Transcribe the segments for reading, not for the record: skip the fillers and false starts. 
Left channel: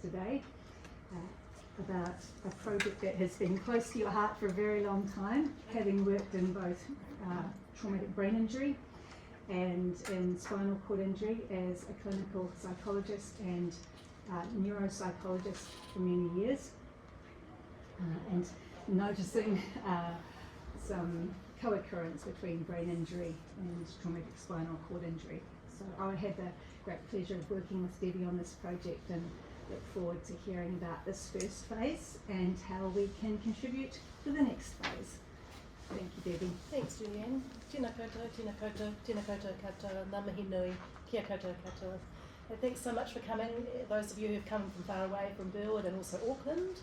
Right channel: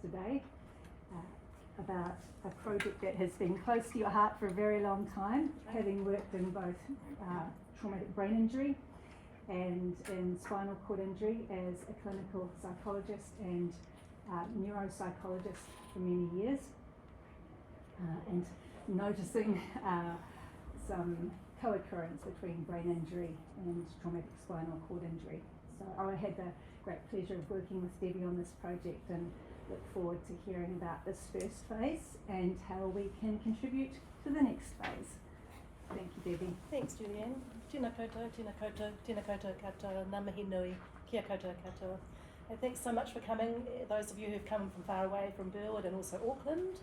today about a project that has been close to your heart for a very long time, having worked in both traumatic brain injury and in spinal cord injury as a clinical psychologist and neuropsychologist for many years, and noticing some co-occurrence between brain injury and traumatic spinal cord injury. So I had the great pleasure of working with Debbie on this project and look forward to hearing about this first phase and how we can contribute to the next phase. Thank you, Debbie. Thanks, Julianne. Tēnā koutou, tēnā koutou, tēnā koutou katoa, ngā mihi nui, kia koutou katoa. And thanks so much for coming, those of you who've come from far away, from Burwood and also Auckland.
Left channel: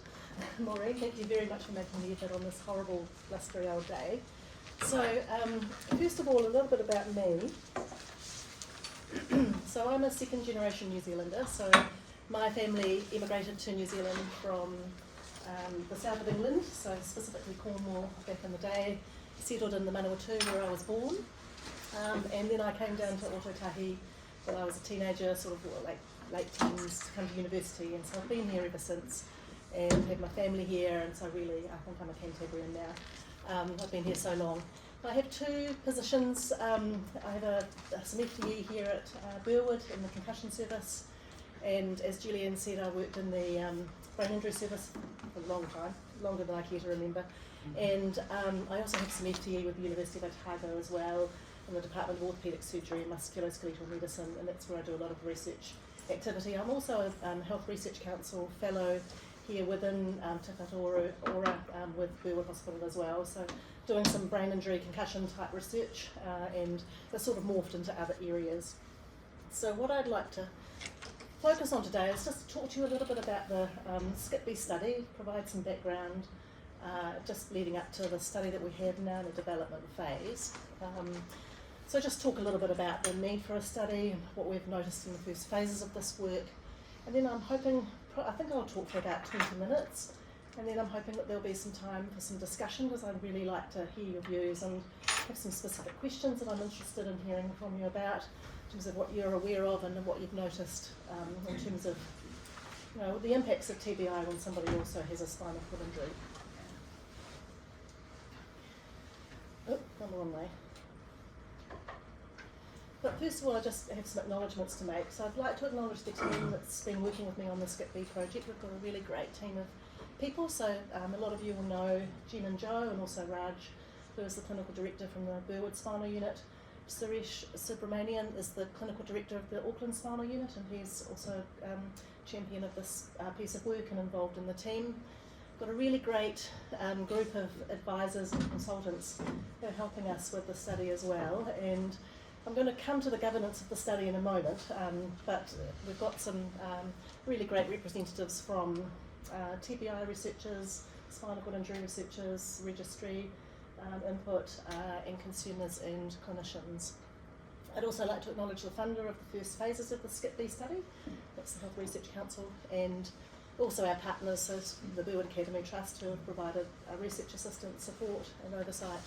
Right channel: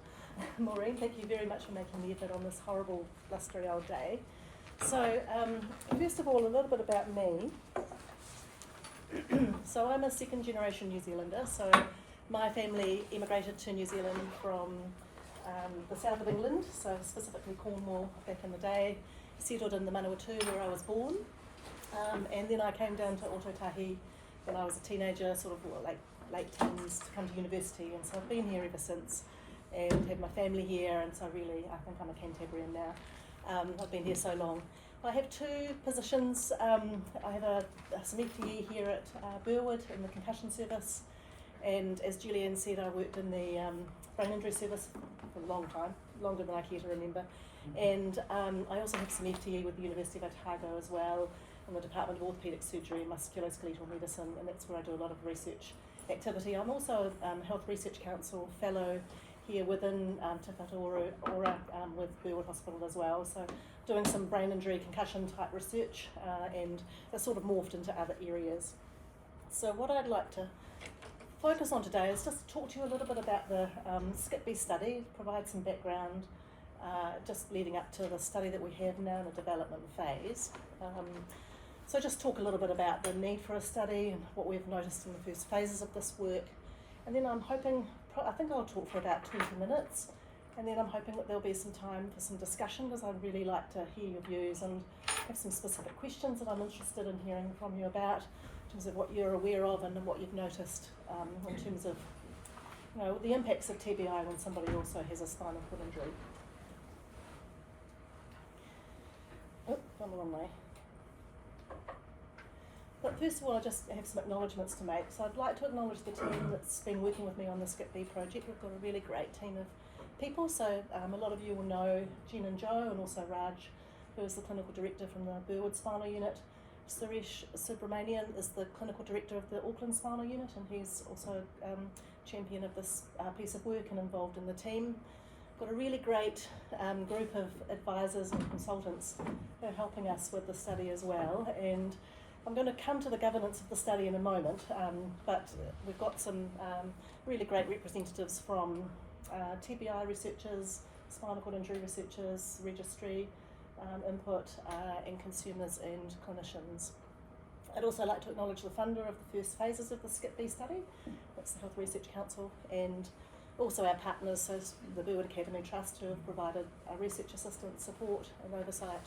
Maureen, thank you very much for making the effort on this horrible, blustery old day. So, first of all, a little bit about me. So I'm a second generation New Zealander, so my family immigrated to New Zealand from the south of England, so specifically Cornwall back in the day, settled in the Manawatu where I was born, and then I came down to Ōtautahi when I was a teenager, sort of late teens, to come to university, and so I've been here ever since and had my family here, and so really I think I'm a Cantabrian now. I've been here so long. I have two positions. I have some FTE here at Burwood in the concussion service, and as Julianne said, I worked in the brain injury service for a long time, longer than I care to remember, and I also have some FTE with the University of Otago as well, in the Department of Orthopaedic Surgery and Musculoskeletal Medicine, and that's where I do a lot of research activity. I'm also a Health Research Council fellow here within Te Whatu Ora with Burwood Hospital as well, so doing some brain injury concussion type research, and that's sort of morphed into other areas. So what I'd like to focus on today is just talk to you a little bit about the SCIP-B study, provide some background, just leading up to the study that we have now in the development phase. So just talk a little bit about the need for a study and what we've noticed in the first phases of this work, and then I'm hoping, I think I'll talk for about 20 minutes, and then I'm hoping that there'll be some time for some discussion, because I'd really like to hear your views and have some specific questions that I'm interested in hearing from you about, in terms of what you're aware of and what you've noticed in terms of, you know, the impacts of TBI when somebody also has a spinal cord injury. Oh, gone the wrong way. But first of all, I just have some acknowledgements to make. So I'd like to acknowledge the team that's been working with me on the SCIP-B project. We've got a really great team of people. So a lot of you will know Jen and Joe, and also Raj, who is the clinical director from the Burwood Spinal Unit. Suresh Subramanian is the clinical director of the Auckland Spinal Unit, and he's also champion of this piece of work and involved in the team. Got a really great group of advisors and consultants who are helping us with the study as well, and I'm going to come to the governance of the study in a moment, but we've got some really great representatives from TBI researchers, spinal cord injury researchers, registry, input, and consumers and clinicians. I'd also like to acknowledge the funder of the first phases of the SCIP-B study, that's the Health Research Council, and also our partners, so the Burwood Academy Trust, who have provided research assistance, support and oversight,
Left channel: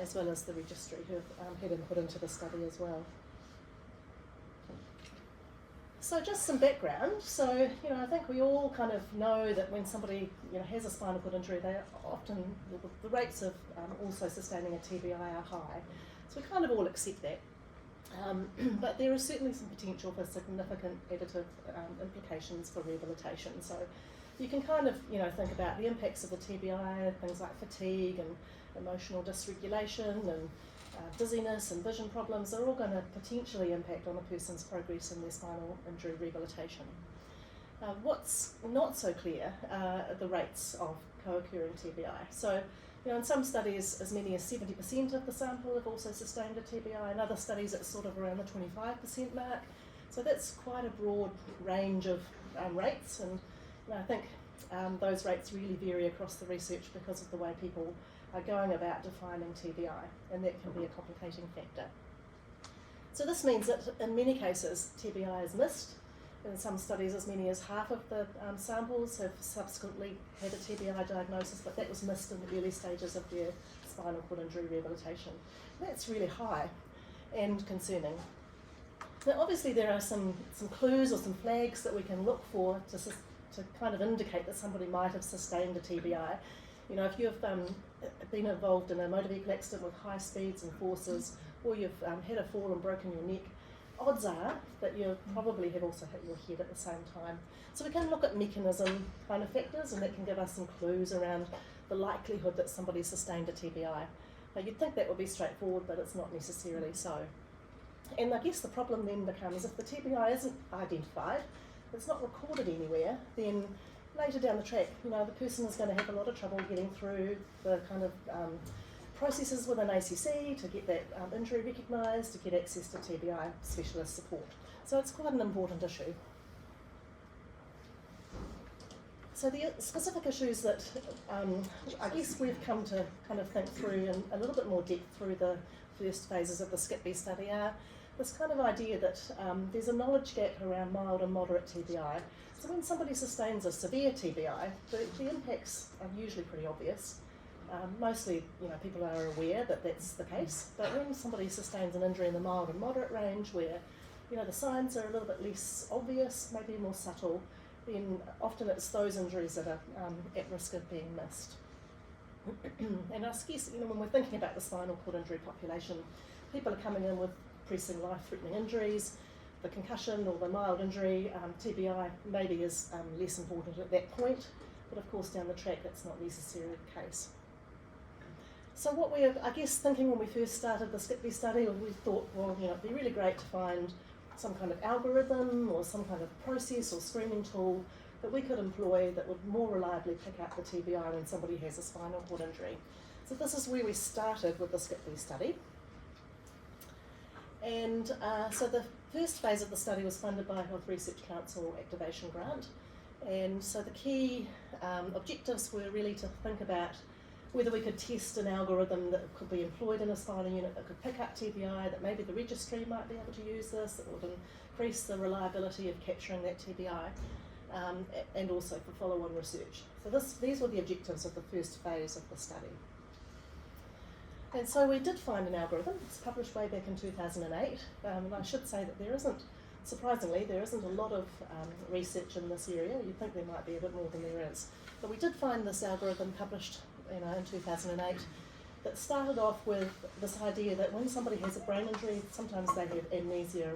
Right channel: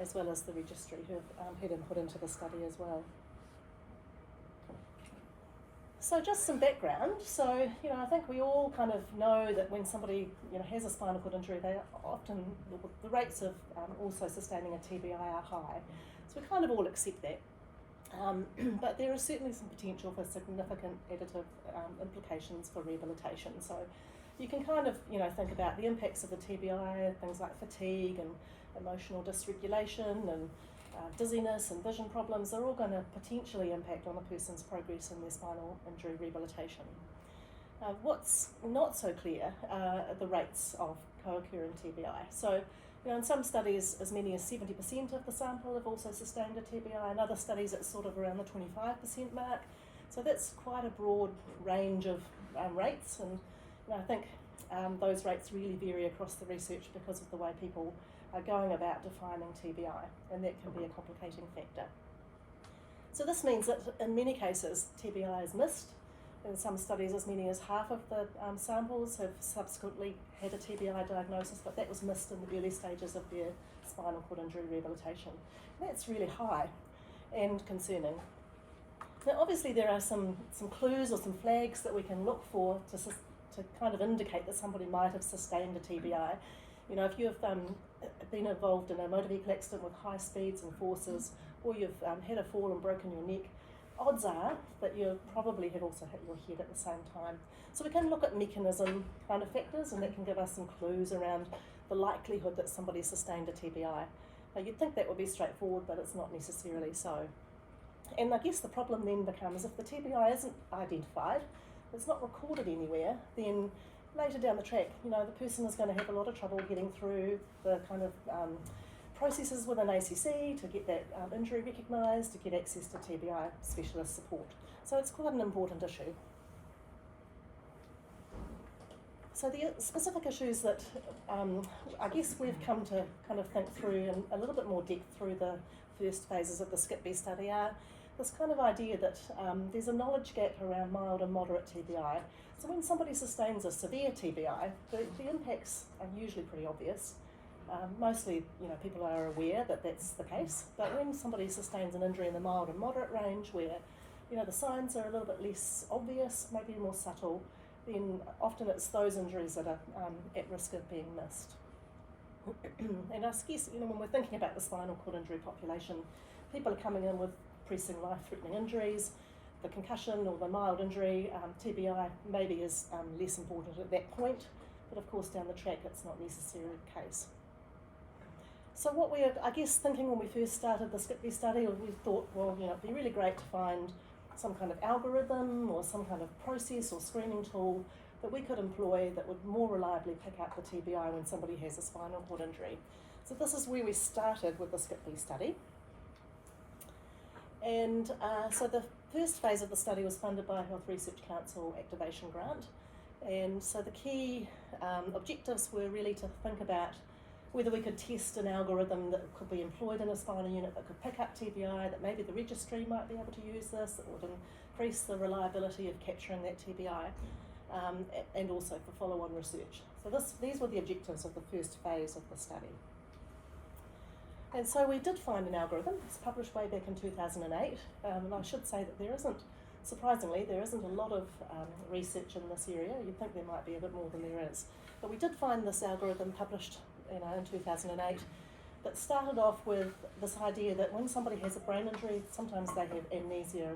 as well as the registry, who have had input into the study as well. So just some background. So, you know, I think we all kind of know that when somebody, you know, has a spinal cord injury, they often, the rates of also sustaining a TBI are high. So we kind of all accept that. But there is certainly some potential for significant additive implications for rehabilitation. So you can kind of, you know, think about the impacts of the TBI, things like fatigue and emotional dysregulation and dizziness and vision problems are all going to potentially impact on a person's progress in their spinal injury rehabilitation. What's not so clear are the rates of co-occurring TBI. So, you know, in some studies as many as 70% of the sample have also sustained a TBI. In other studies it's sort of around the 25% mark. So that's quite a broad range of rates, and you know, I think those rates really vary across the research because of the way people are going about defining TBI, and that can be a complicating factor. So this means that in many cases TBI is missed. In some studies as many as half of the samples have subsequently had a TBI diagnosis, but that was missed in the early stages of their spinal cord injury rehabilitation. That's really high and concerning. Now obviously there are some clues or some flags that we can look for to kind of indicate that somebody might have sustained a TBI. You know, if you've been involved in a motor vehicle accident with high speeds and forces, or you've had a fall and broken your neck, odds are that you probably have also hit your head at the same time. So we can look at mechanism kind of factors, and that can give us some clues around the likelihood that somebody sustained a TBI. Now you'd think that would be straightforward, but it's not necessarily so. And I guess the problem then becomes if the TBI isn't identified, it's not recorded anywhere, then later down the track, you know, the person is going to have a lot of trouble getting through the kind of processes with an ACC to get that injury recognised, to get access to TBI specialist support. So it's quite an important issue. So the specific issues that I guess we've come to kind of think through in a little bit more depth through the first phases of the SCIP-B study are this kind of idea that there's a knowledge gap around mild and moderate TBI. So when somebody sustains a severe TBI, the impacts are usually pretty obvious. Mostly, you know, people are aware that that's the case, but when somebody sustains an injury in the mild and moderate range where, you know, the signs are a little bit less obvious, maybe more subtle, then often it's those injuries that are at risk of being missed. And I guess, you know, when we're thinking about the spinal cord injury population, people are coming in with pressing life-threatening injuries. The concussion or the mild injury, TBI maybe is less important at that point, but of course down the track it's not necessarily the case. So what we're, I guess, thinking when we first started the SCIP-B study, we thought, well, you know, it'd be really great to find some kind of algorithm or some kind of process or screening tool that we could employ that would more reliably pick up the TBI when somebody has a spinal cord injury. So this is where we started with the SCIP-B study. And so the first phase of the study was funded by a Health Research Council activation grant. And so the key objectives were really to think about whether we could test an algorithm that could be employed in a spinal unit that could pick up TBI, that maybe the registry might be able to use this, that would increase the reliability of capturing that TBI, and also for follow-on research. So these were the objectives of the first phase of the study. And so we did find an algorithm. It's published way back in 2008. And I should say that surprisingly, there isn't a lot of research in this area. You'd think there might be a bit more than there is. But we did find this algorithm published in 2008 that started off with this idea that when somebody has a brain injury, sometimes they have amnesia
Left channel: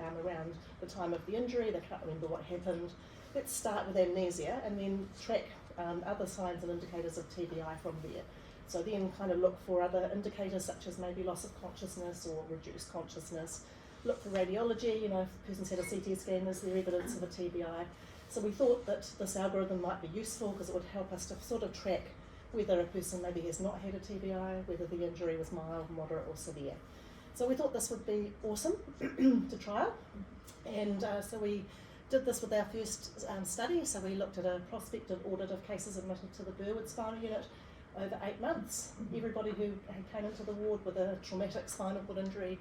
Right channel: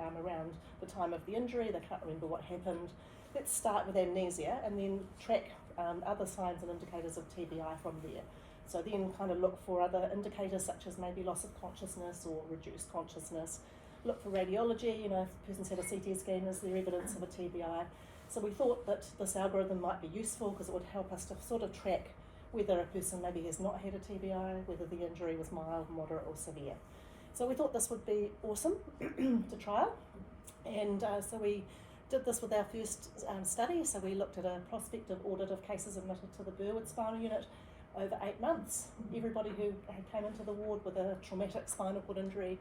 around the time of the injury, they can't remember what happened. Let's start with amnesia and then track other signs and indicators of TBI from there. So then kind of look for other indicators such as maybe loss of consciousness or reduced consciousness. Look for radiology, you know, if the person's had a CT scan, is there evidence of a TBI? So we thought that this algorithm might be useful because it would help us to sort of track whether a person maybe has not had a TBI, whether the injury was mild, moderate or severe. So we thought this would be awesome to trial. And so we did this with our first study. So we looked at a prospective audit of cases admitted to the Burwood Spinal Unit over 8 months. Everybody who came into the ward with a traumatic spinal cord injury,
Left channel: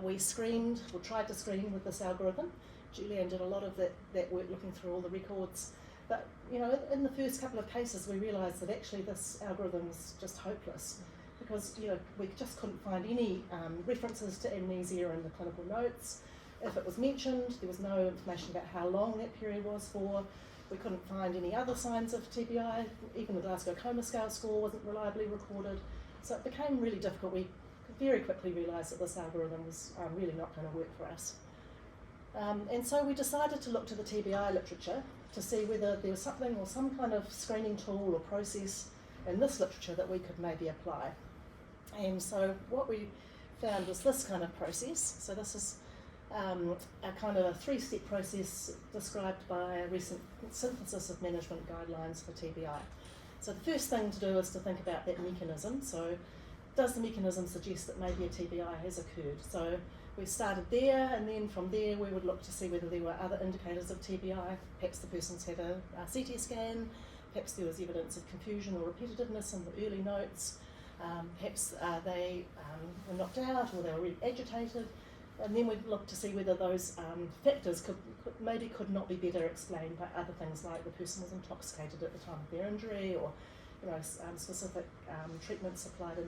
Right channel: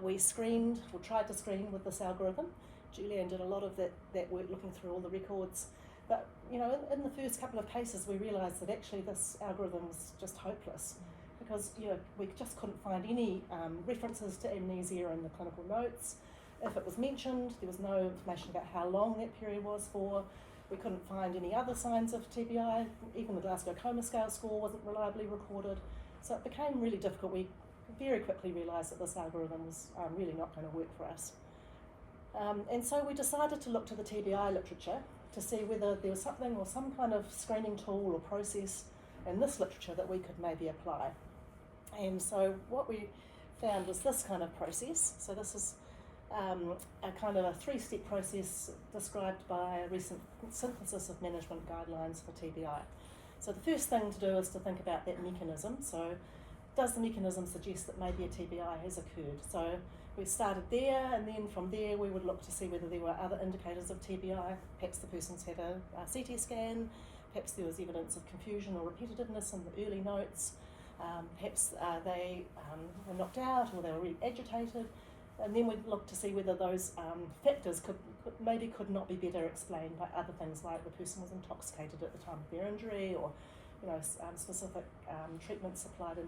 we screened, or tried to screen with this algorithm. Julianne did a lot of that work looking through all the records. But, you know, in the first couple of cases, we realised that actually this algorithm was just hopeless because, you know, we just couldn't find any references to amnesia in the clinical notes. If it was mentioned, there was no information about how long that period was for. We couldn't find any other signs of TBI. Even the Glasgow Coma Scale score wasn't reliably recorded. So it became really difficult. We very quickly realised that this algorithm was really not going to work for us. And so we decided to look to the TBI literature to see whether there was something or some kind of screening tool or process in this literature that we could maybe apply. And so what we found was this kind of process. So this is a kind of a 3-step process described by a recent synthesis of management guidelines for TBI. So the first thing to do is to think about that mechanism. So does the mechanism suggest that maybe a TBI has occurred? So we started there, and then from there we would look to see whether there were other indicators of TBI. Perhaps the person's had a CT scan, perhaps there was evidence of confusion or repetitiveness in the early notes, perhaps they were knocked out or they were really agitated, and then we'd look to see whether those factors could not be better explained by other things like the person was intoxicated at the time of their injury, or specific treatments applied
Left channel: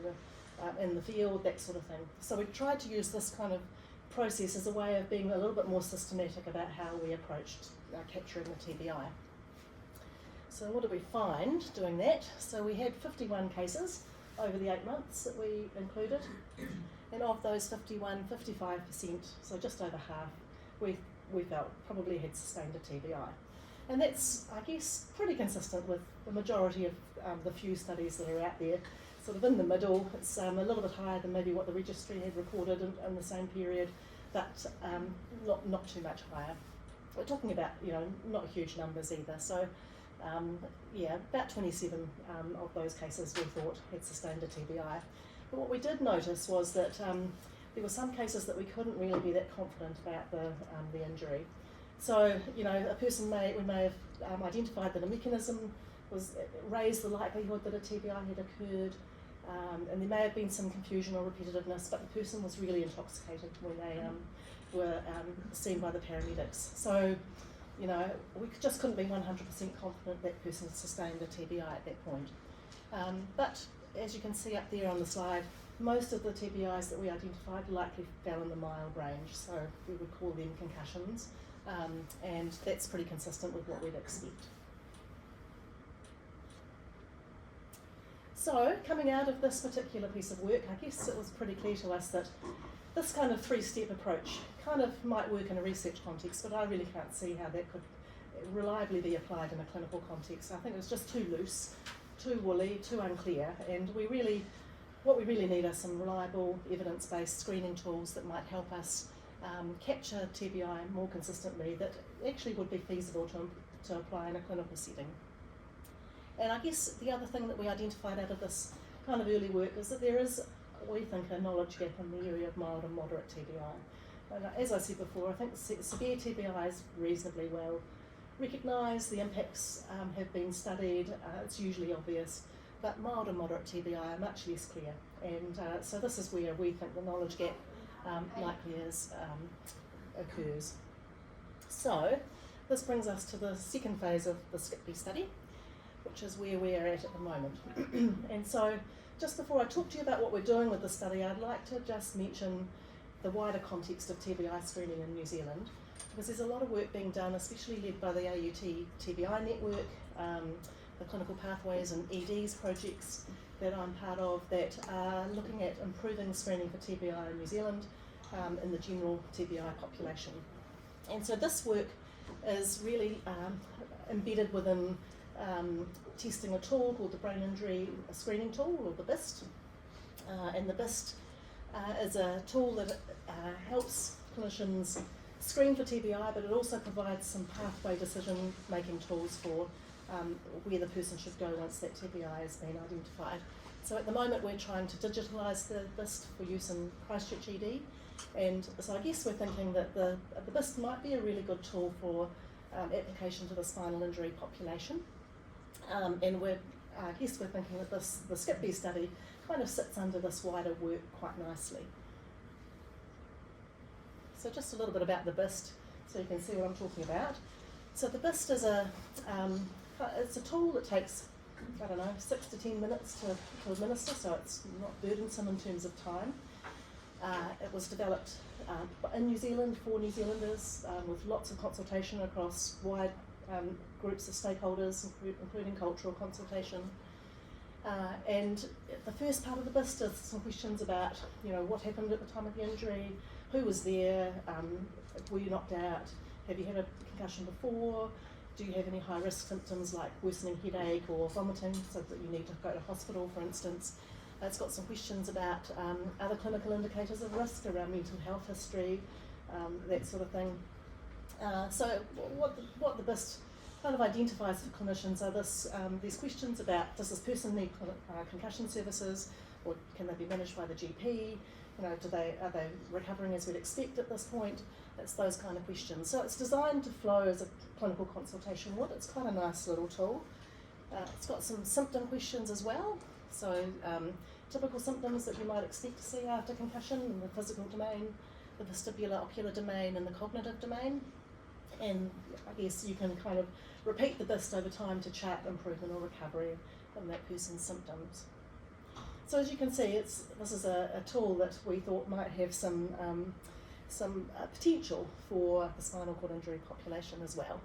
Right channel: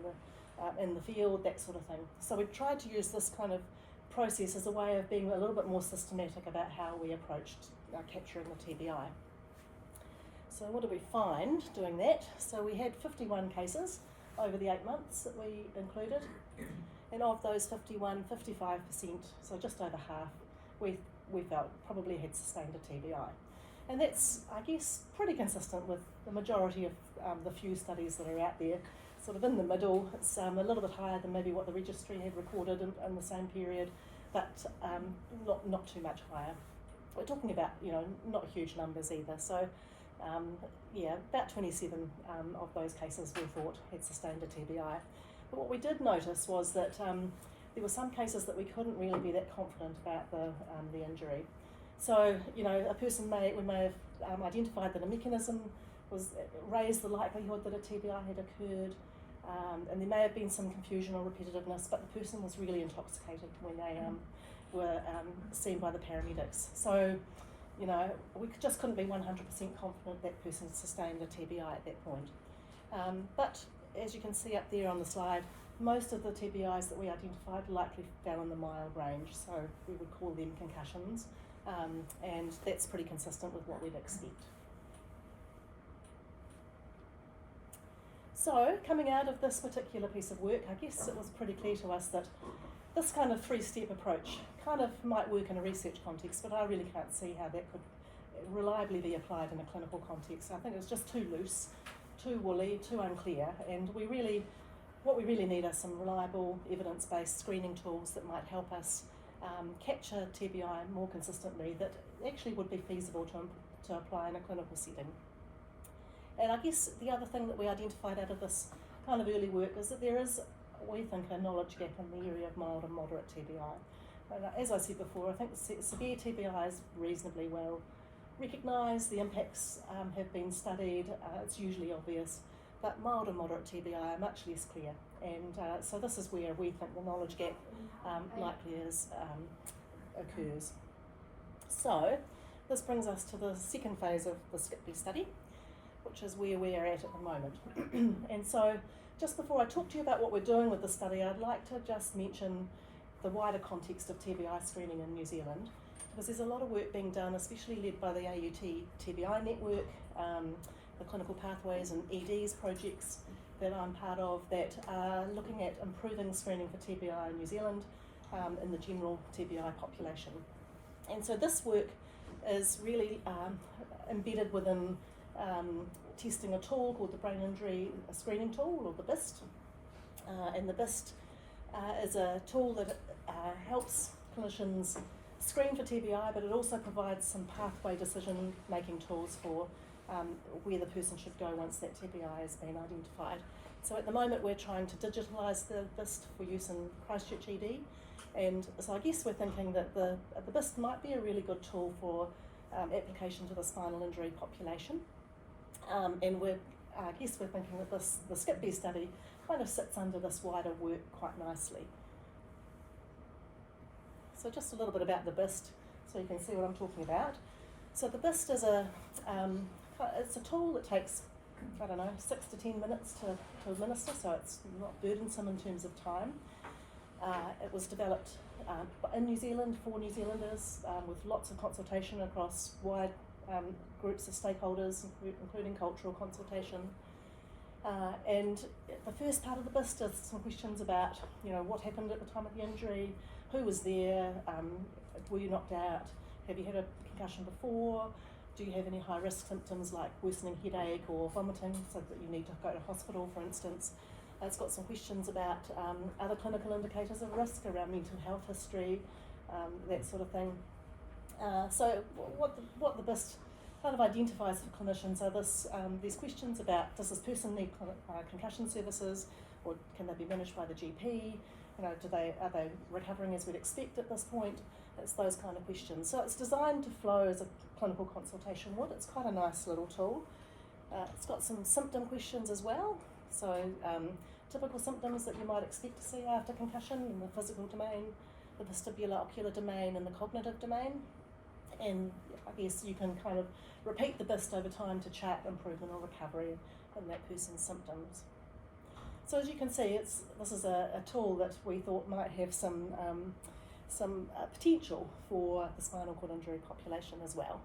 in the field, that sort of thing. So we tried to use this kind of process as a way of being a little bit more systematic about how we approached capturing the TBI. So what did we find doing that? So we had 51 cases over the 8 months that we included, and of those 51, 55%, so just over half, we felt probably had sustained a TBI. And that's, I guess, pretty consistent with the majority of the few studies that are out there, sort of in the middle. It's a little bit higher than maybe what the registry had recorded in the same period, but not too much higher. We're talking about, not huge numbers either. So, about 27 of those cases we thought had sustained a TBI. But what we did notice was that there were some cases that we couldn't really be that confident about the injury. So, we may have identified that a mechanism raised the likelihood that a TBI had occurred, and there may have been some confusion or repetitiveness, but the person was really intoxicated when they were seen by the paramedics. So, we just couldn't be 100% confident that person sustained a TBI at that point. But as you can see up there on the slide, most of the TBIs that we identified likely fell in the mild range, so we would call them concussions, and that's pretty consistent with what we'd expect. So, coming out of this particular piece of work, I guess it was pretty clear to us that this kind of three-step approach kind of might work in a research context, but I really can't see how that could reliably be applied in a clinical context. I think it's just too loose, too woolly, too unclear, and what we really need are some reliable evidence-based screening tools that might help us capture TBI more consistently, that actually would be feasible to apply in a clinical setting. And I guess the other thing that we identified out of this kind of early work is that there is, we think, a knowledge gap in the area of mild and moderate TBI. And as I said before, I think severe TBI is reasonably well recognised, the impacts have been studied, it's usually obvious, but mild and moderate TBI are much less clear, and so this is where we think the knowledge gap likely occurs. So this brings us to the second phase of the SCIPB study, which is where we are at the moment. And so just before I talk to you about what we're doing with the study, I'd like to just mention the wider context of TBI screening in New Zealand, because there's a lot of work being done, especially led by the AUT TBI network, the clinical pathways and EDs projects that I'm part of, that are looking at improving screening for TBI in New Zealand in the general TBI population. And so this work is really embedded within testing a tool called the Brain Injury Screening Tool, or the BIST. And the BIST is a tool that helps clinicians screen for TBI, but it also provides some pathway decision-making tools for where the person should go once that TBI has been identified. So at the moment we're trying to digitalise the BIST for use in Christchurch ED, and so I guess we're thinking that the BIST might be a really good tool for application to the spinal injury population, and I guess we're thinking that the SCIPB study kind of sits under this wider work quite nicely. So just a little bit about the BIST, so you can see what I'm talking about. So the BIST is it's a tool that takes, 6 to 10 minutes to administer, so it's not burdensome in terms of time. It was developed in New Zealand for New Zealanders, with lots of consultation across wide groups of stakeholders, including cultural consultation. And the first part of the BIST is some questions about, what happened at the time of the injury, who was there, were you knocked out, have you had a concussion before, do you have any high risk symptoms like worsening headache or vomiting, so that you need to go to hospital, for instance. It's got some questions about other clinical indicators of risk around mental health history, that sort of thing. So what the BIST kind of identifies for clinicians are these questions about, does this person need concussion services, or can they be managed by the GP? Are they recovering as we'd expect at this point? It's those kind of questions. So it's designed to flow as a clinical consultation would. It's quite a nice little tool. It's got some symptom questions as well. So typical symptoms that you might expect to see after concussion in the physical domain, the vestibular ocular domain, and the cognitive domain. And I guess you can kind of repeat the BIST over time to chart improvement or recovery in that person's symptoms. So as you can see, this is a tool that we thought might have some some potential for the spinal cord injury population as well.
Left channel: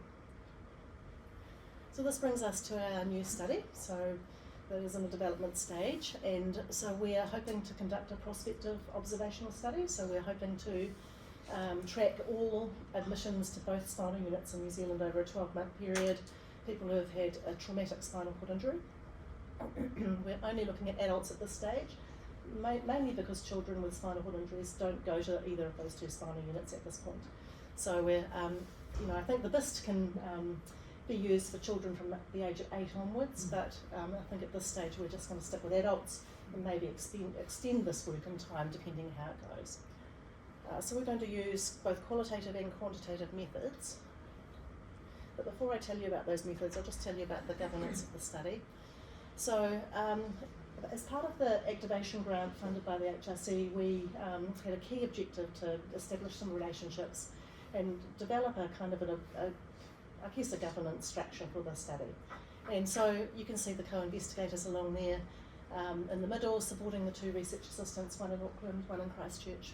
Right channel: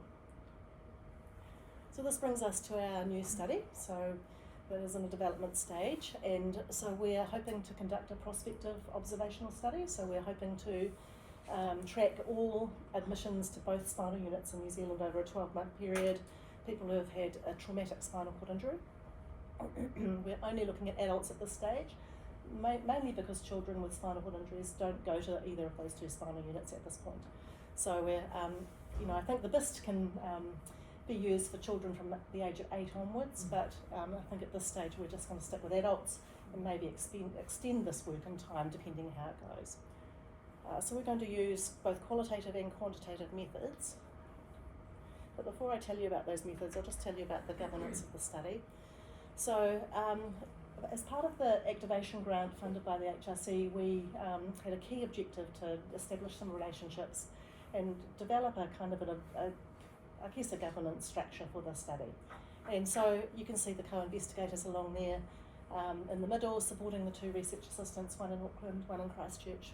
So this brings us to our new study, so that is in the development stage, and so we are hoping to conduct a prospective observational study. So we're hoping to track all admissions to both spinal units in New Zealand over a 12-month period, people who have had a traumatic spinal cord injury. We're only looking at adults at this stage, mainly because children with spinal cord injuries don't go to either of those two spinal units at this point. So we're, I think the BIST can be used for children from the age of 8 onwards, but I think at this stage we're just going to stick with adults and maybe extend this work in time depending how it goes. So we're going to use both qualitative and quantitative methods. But before I tell you about those methods, I'll just tell you about the governance of the study. So as part of the activation grant funded by the HRC, we had a key objective to establish some relationships and develop a kind of a governance structure for the study. And so you can see the co-investigators along there in the middle, supporting the 2 research assistants, one in Auckland, one in Christchurch.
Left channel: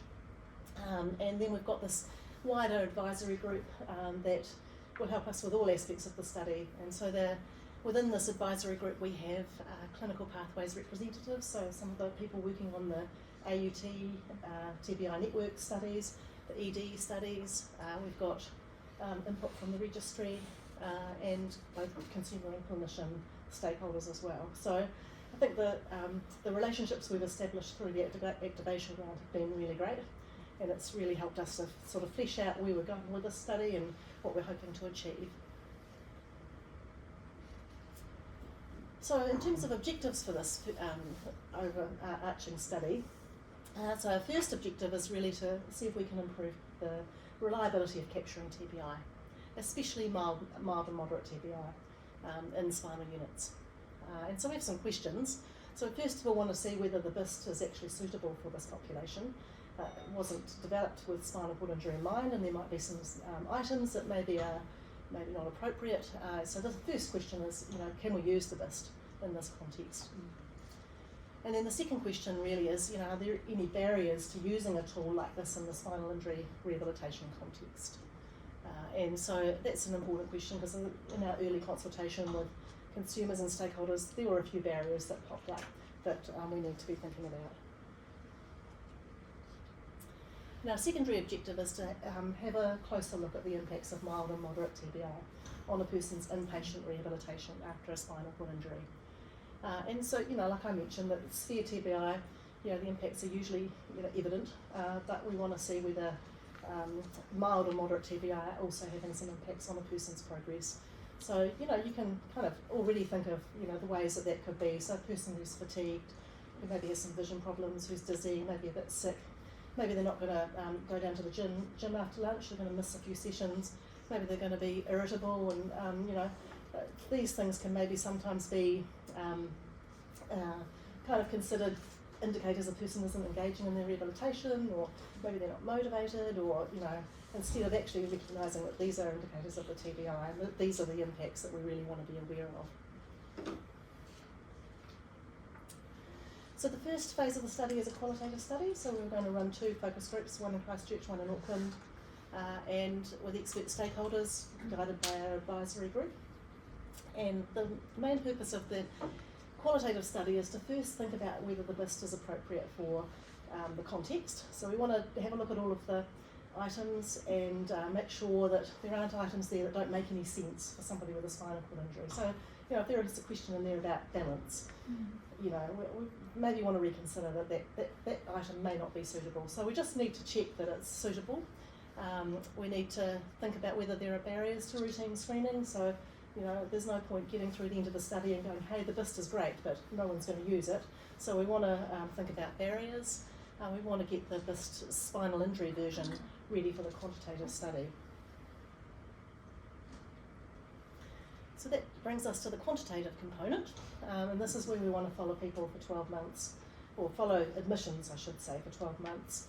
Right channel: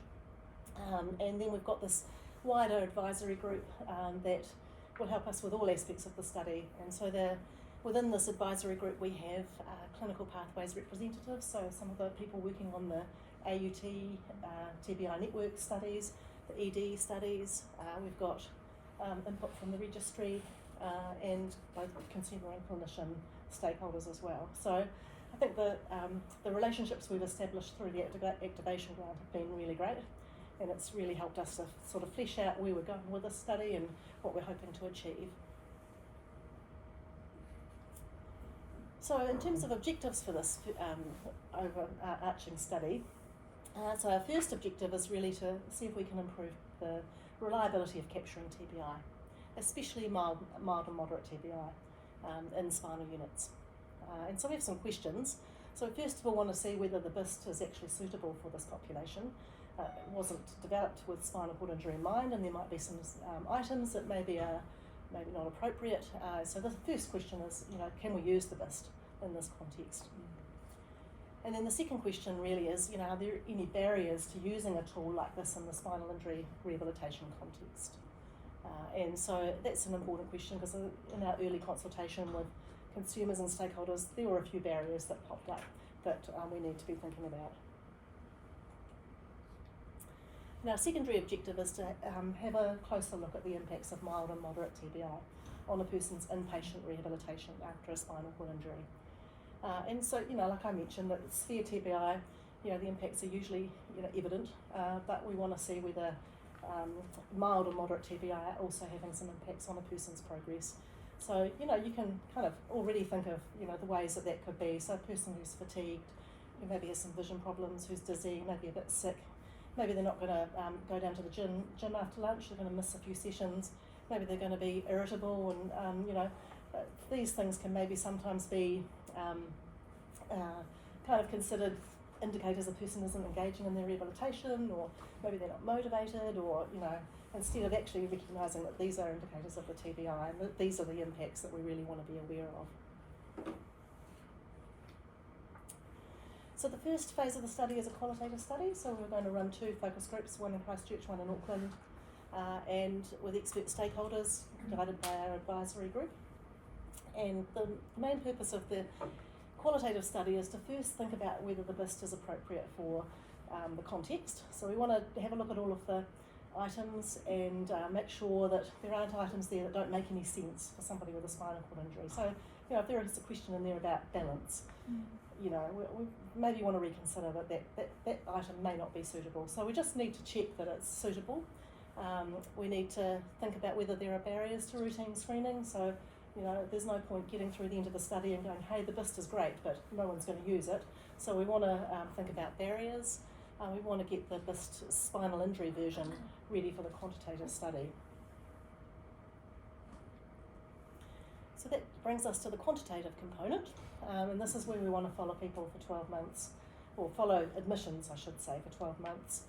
And then we've got this wider advisory group that will help us with all aspects of the study. And so within this advisory group we have clinical pathways representatives, so some of the people working on the AUT, TBI network studies, the ED studies. We've got input from the registry and both consumer and clinician stakeholders as well. So I think the relationships we've established through the activation grant have been really great, and it's really helped us to sort of flesh out where we're going with this study and what we're hoping to achieve. So in terms of objectives for this overarching study, so our first objective is really to see if we can improve the reliability of capturing TBI, especially mild and moderate TBI in spinal units. And so we have some questions. So first of all, we want to see whether the BIST is actually suitable for this population. It wasn't developed with spinal cord injury in mind, and there might be some items that maybe are not appropriate. So the first question is, can we use the BIST in this context? And then the second question really is, are there any barriers to using a tool like this in the spinal injury rehabilitation context? And so that's an important question, because in our early consultation with consumers and stakeholders, there were a few barriers that popped up that we need to be thinking about. Now, secondary objective is to have a closer look at the impacts of mild and moderate TBI on a person's inpatient rehabilitation after a spinal cord injury. And so, like I mentioned, that severe TBI, the impacts are usually, evident, but we want to see whether mild and moderate TBI are also having some impacts on a person's progress. So, you can kind of already think of, the ways that could be. So a person who's fatigued, who maybe has some vision problems, who's dizzy, maybe a bit sick, maybe they're not going to go down to the gym after lunch, they're going to miss a few sessions, maybe they're going to be irritable, and these things can maybe sometimes be kind of considered indicators a person isn't engaging in their rehabilitation, or maybe they're not motivated, or instead of actually recognising that these are indicators of the TBI and that these are the impacts that we really want to be aware of. So the first phase of the study is a qualitative study, so we're going to run 2 focus groups, one in Christchurch, one in Auckland, and with expert stakeholders guided by our advisory group. And the main purpose of the qualitative study is to first think about whether the BIST is appropriate for the context. So we want to have a look at all of the items and make sure that there aren't items there that don't make any sense for somebody with a spinal cord injury. So, if there is a question in there about balance, we maybe want to reconsider that item may not be suitable. So we just need to check that it's suitable. We need to think about whether there are barriers to routine screening. So, there's no point getting through the end of the study and going, hey, the BIST is great, but no one's going to use it. So we want to think about barriers. We want to get the BIST spinal injury version ready for the quantitative study. So that brings us to the quantitative component, and this is where we want to follow people for 12 months, or follow admissions, I should say, for 12 months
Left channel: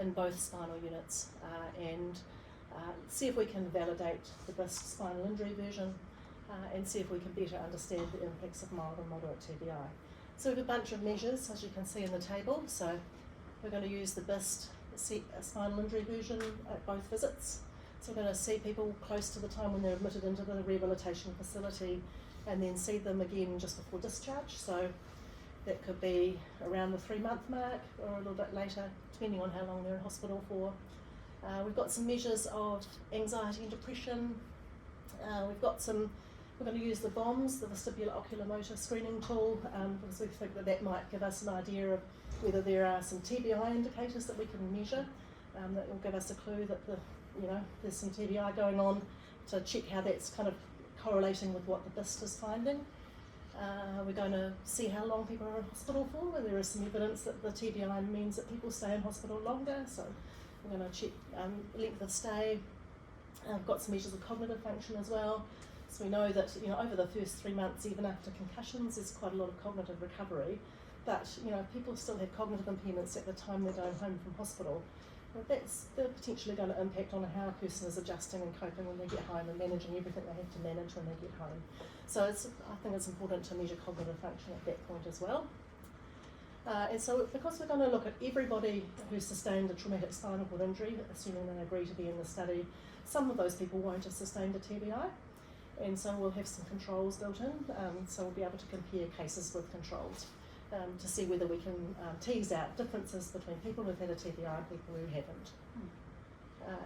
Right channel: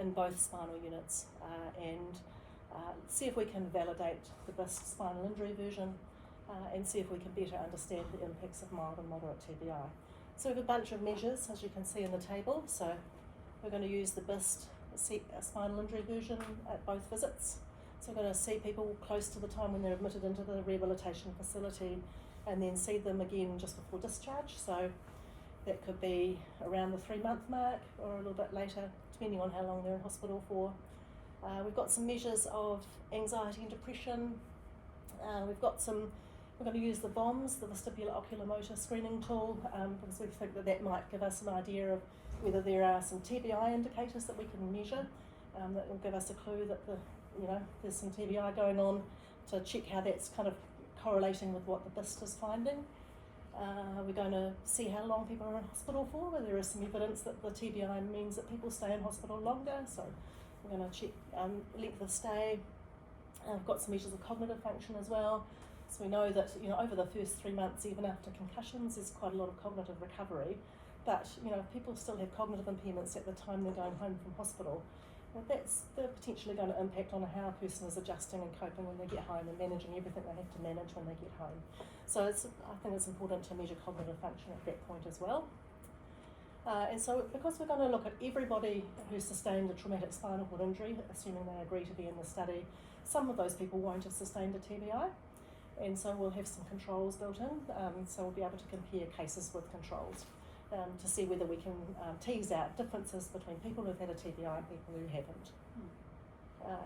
in both spinal units, and see if we can validate the BIST spinal injury version, and see if we can better understand the impacts of mild and moderate TBI. So we have a bunch of measures, as you can see in the table. So we're going to use the BIST a spinal injury version at both visits. So we're going to see people close to the time when they're admitted into the rehabilitation facility, and then see them again just before discharge. So that could be around the 3-month mark or a little bit later, depending on how long they're in hospital for. We've got some measures of anxiety and depression. We're going to use the VOMS, the vestibular oculomotor screening tool, because we think that might give us an idea of whether there are some TBI indicators that we can measure. That will give us a clue that there's some TBI going on, to check how that's kind of correlating with what the BIST is finding. We're going to see how long people are in hospital for, whether there is some evidence that the TBI means that people stay in hospital longer. So we're going to check length of stay. We've got some measures of cognitive function as well. So we know that over the first 3 months, even after concussions, there's quite a lot of cognitive recovery. But if people still have cognitive impairments at the time they're going home from hospital, they're potentially going to impact on how a person is adjusting and coping when they get home and managing everything they have to manage when they get home. So I think it's important to measure cognitive function at that point as well. And so because we're going to look at everybody who's sustained a traumatic spinal cord injury, assuming they agree to be in the study, some of those people won't have sustained a TBI. And so we'll have some controls built in, so we'll be able to compare cases with controls to see whether we can tease out differences between people who've had a TBI and people who haven't.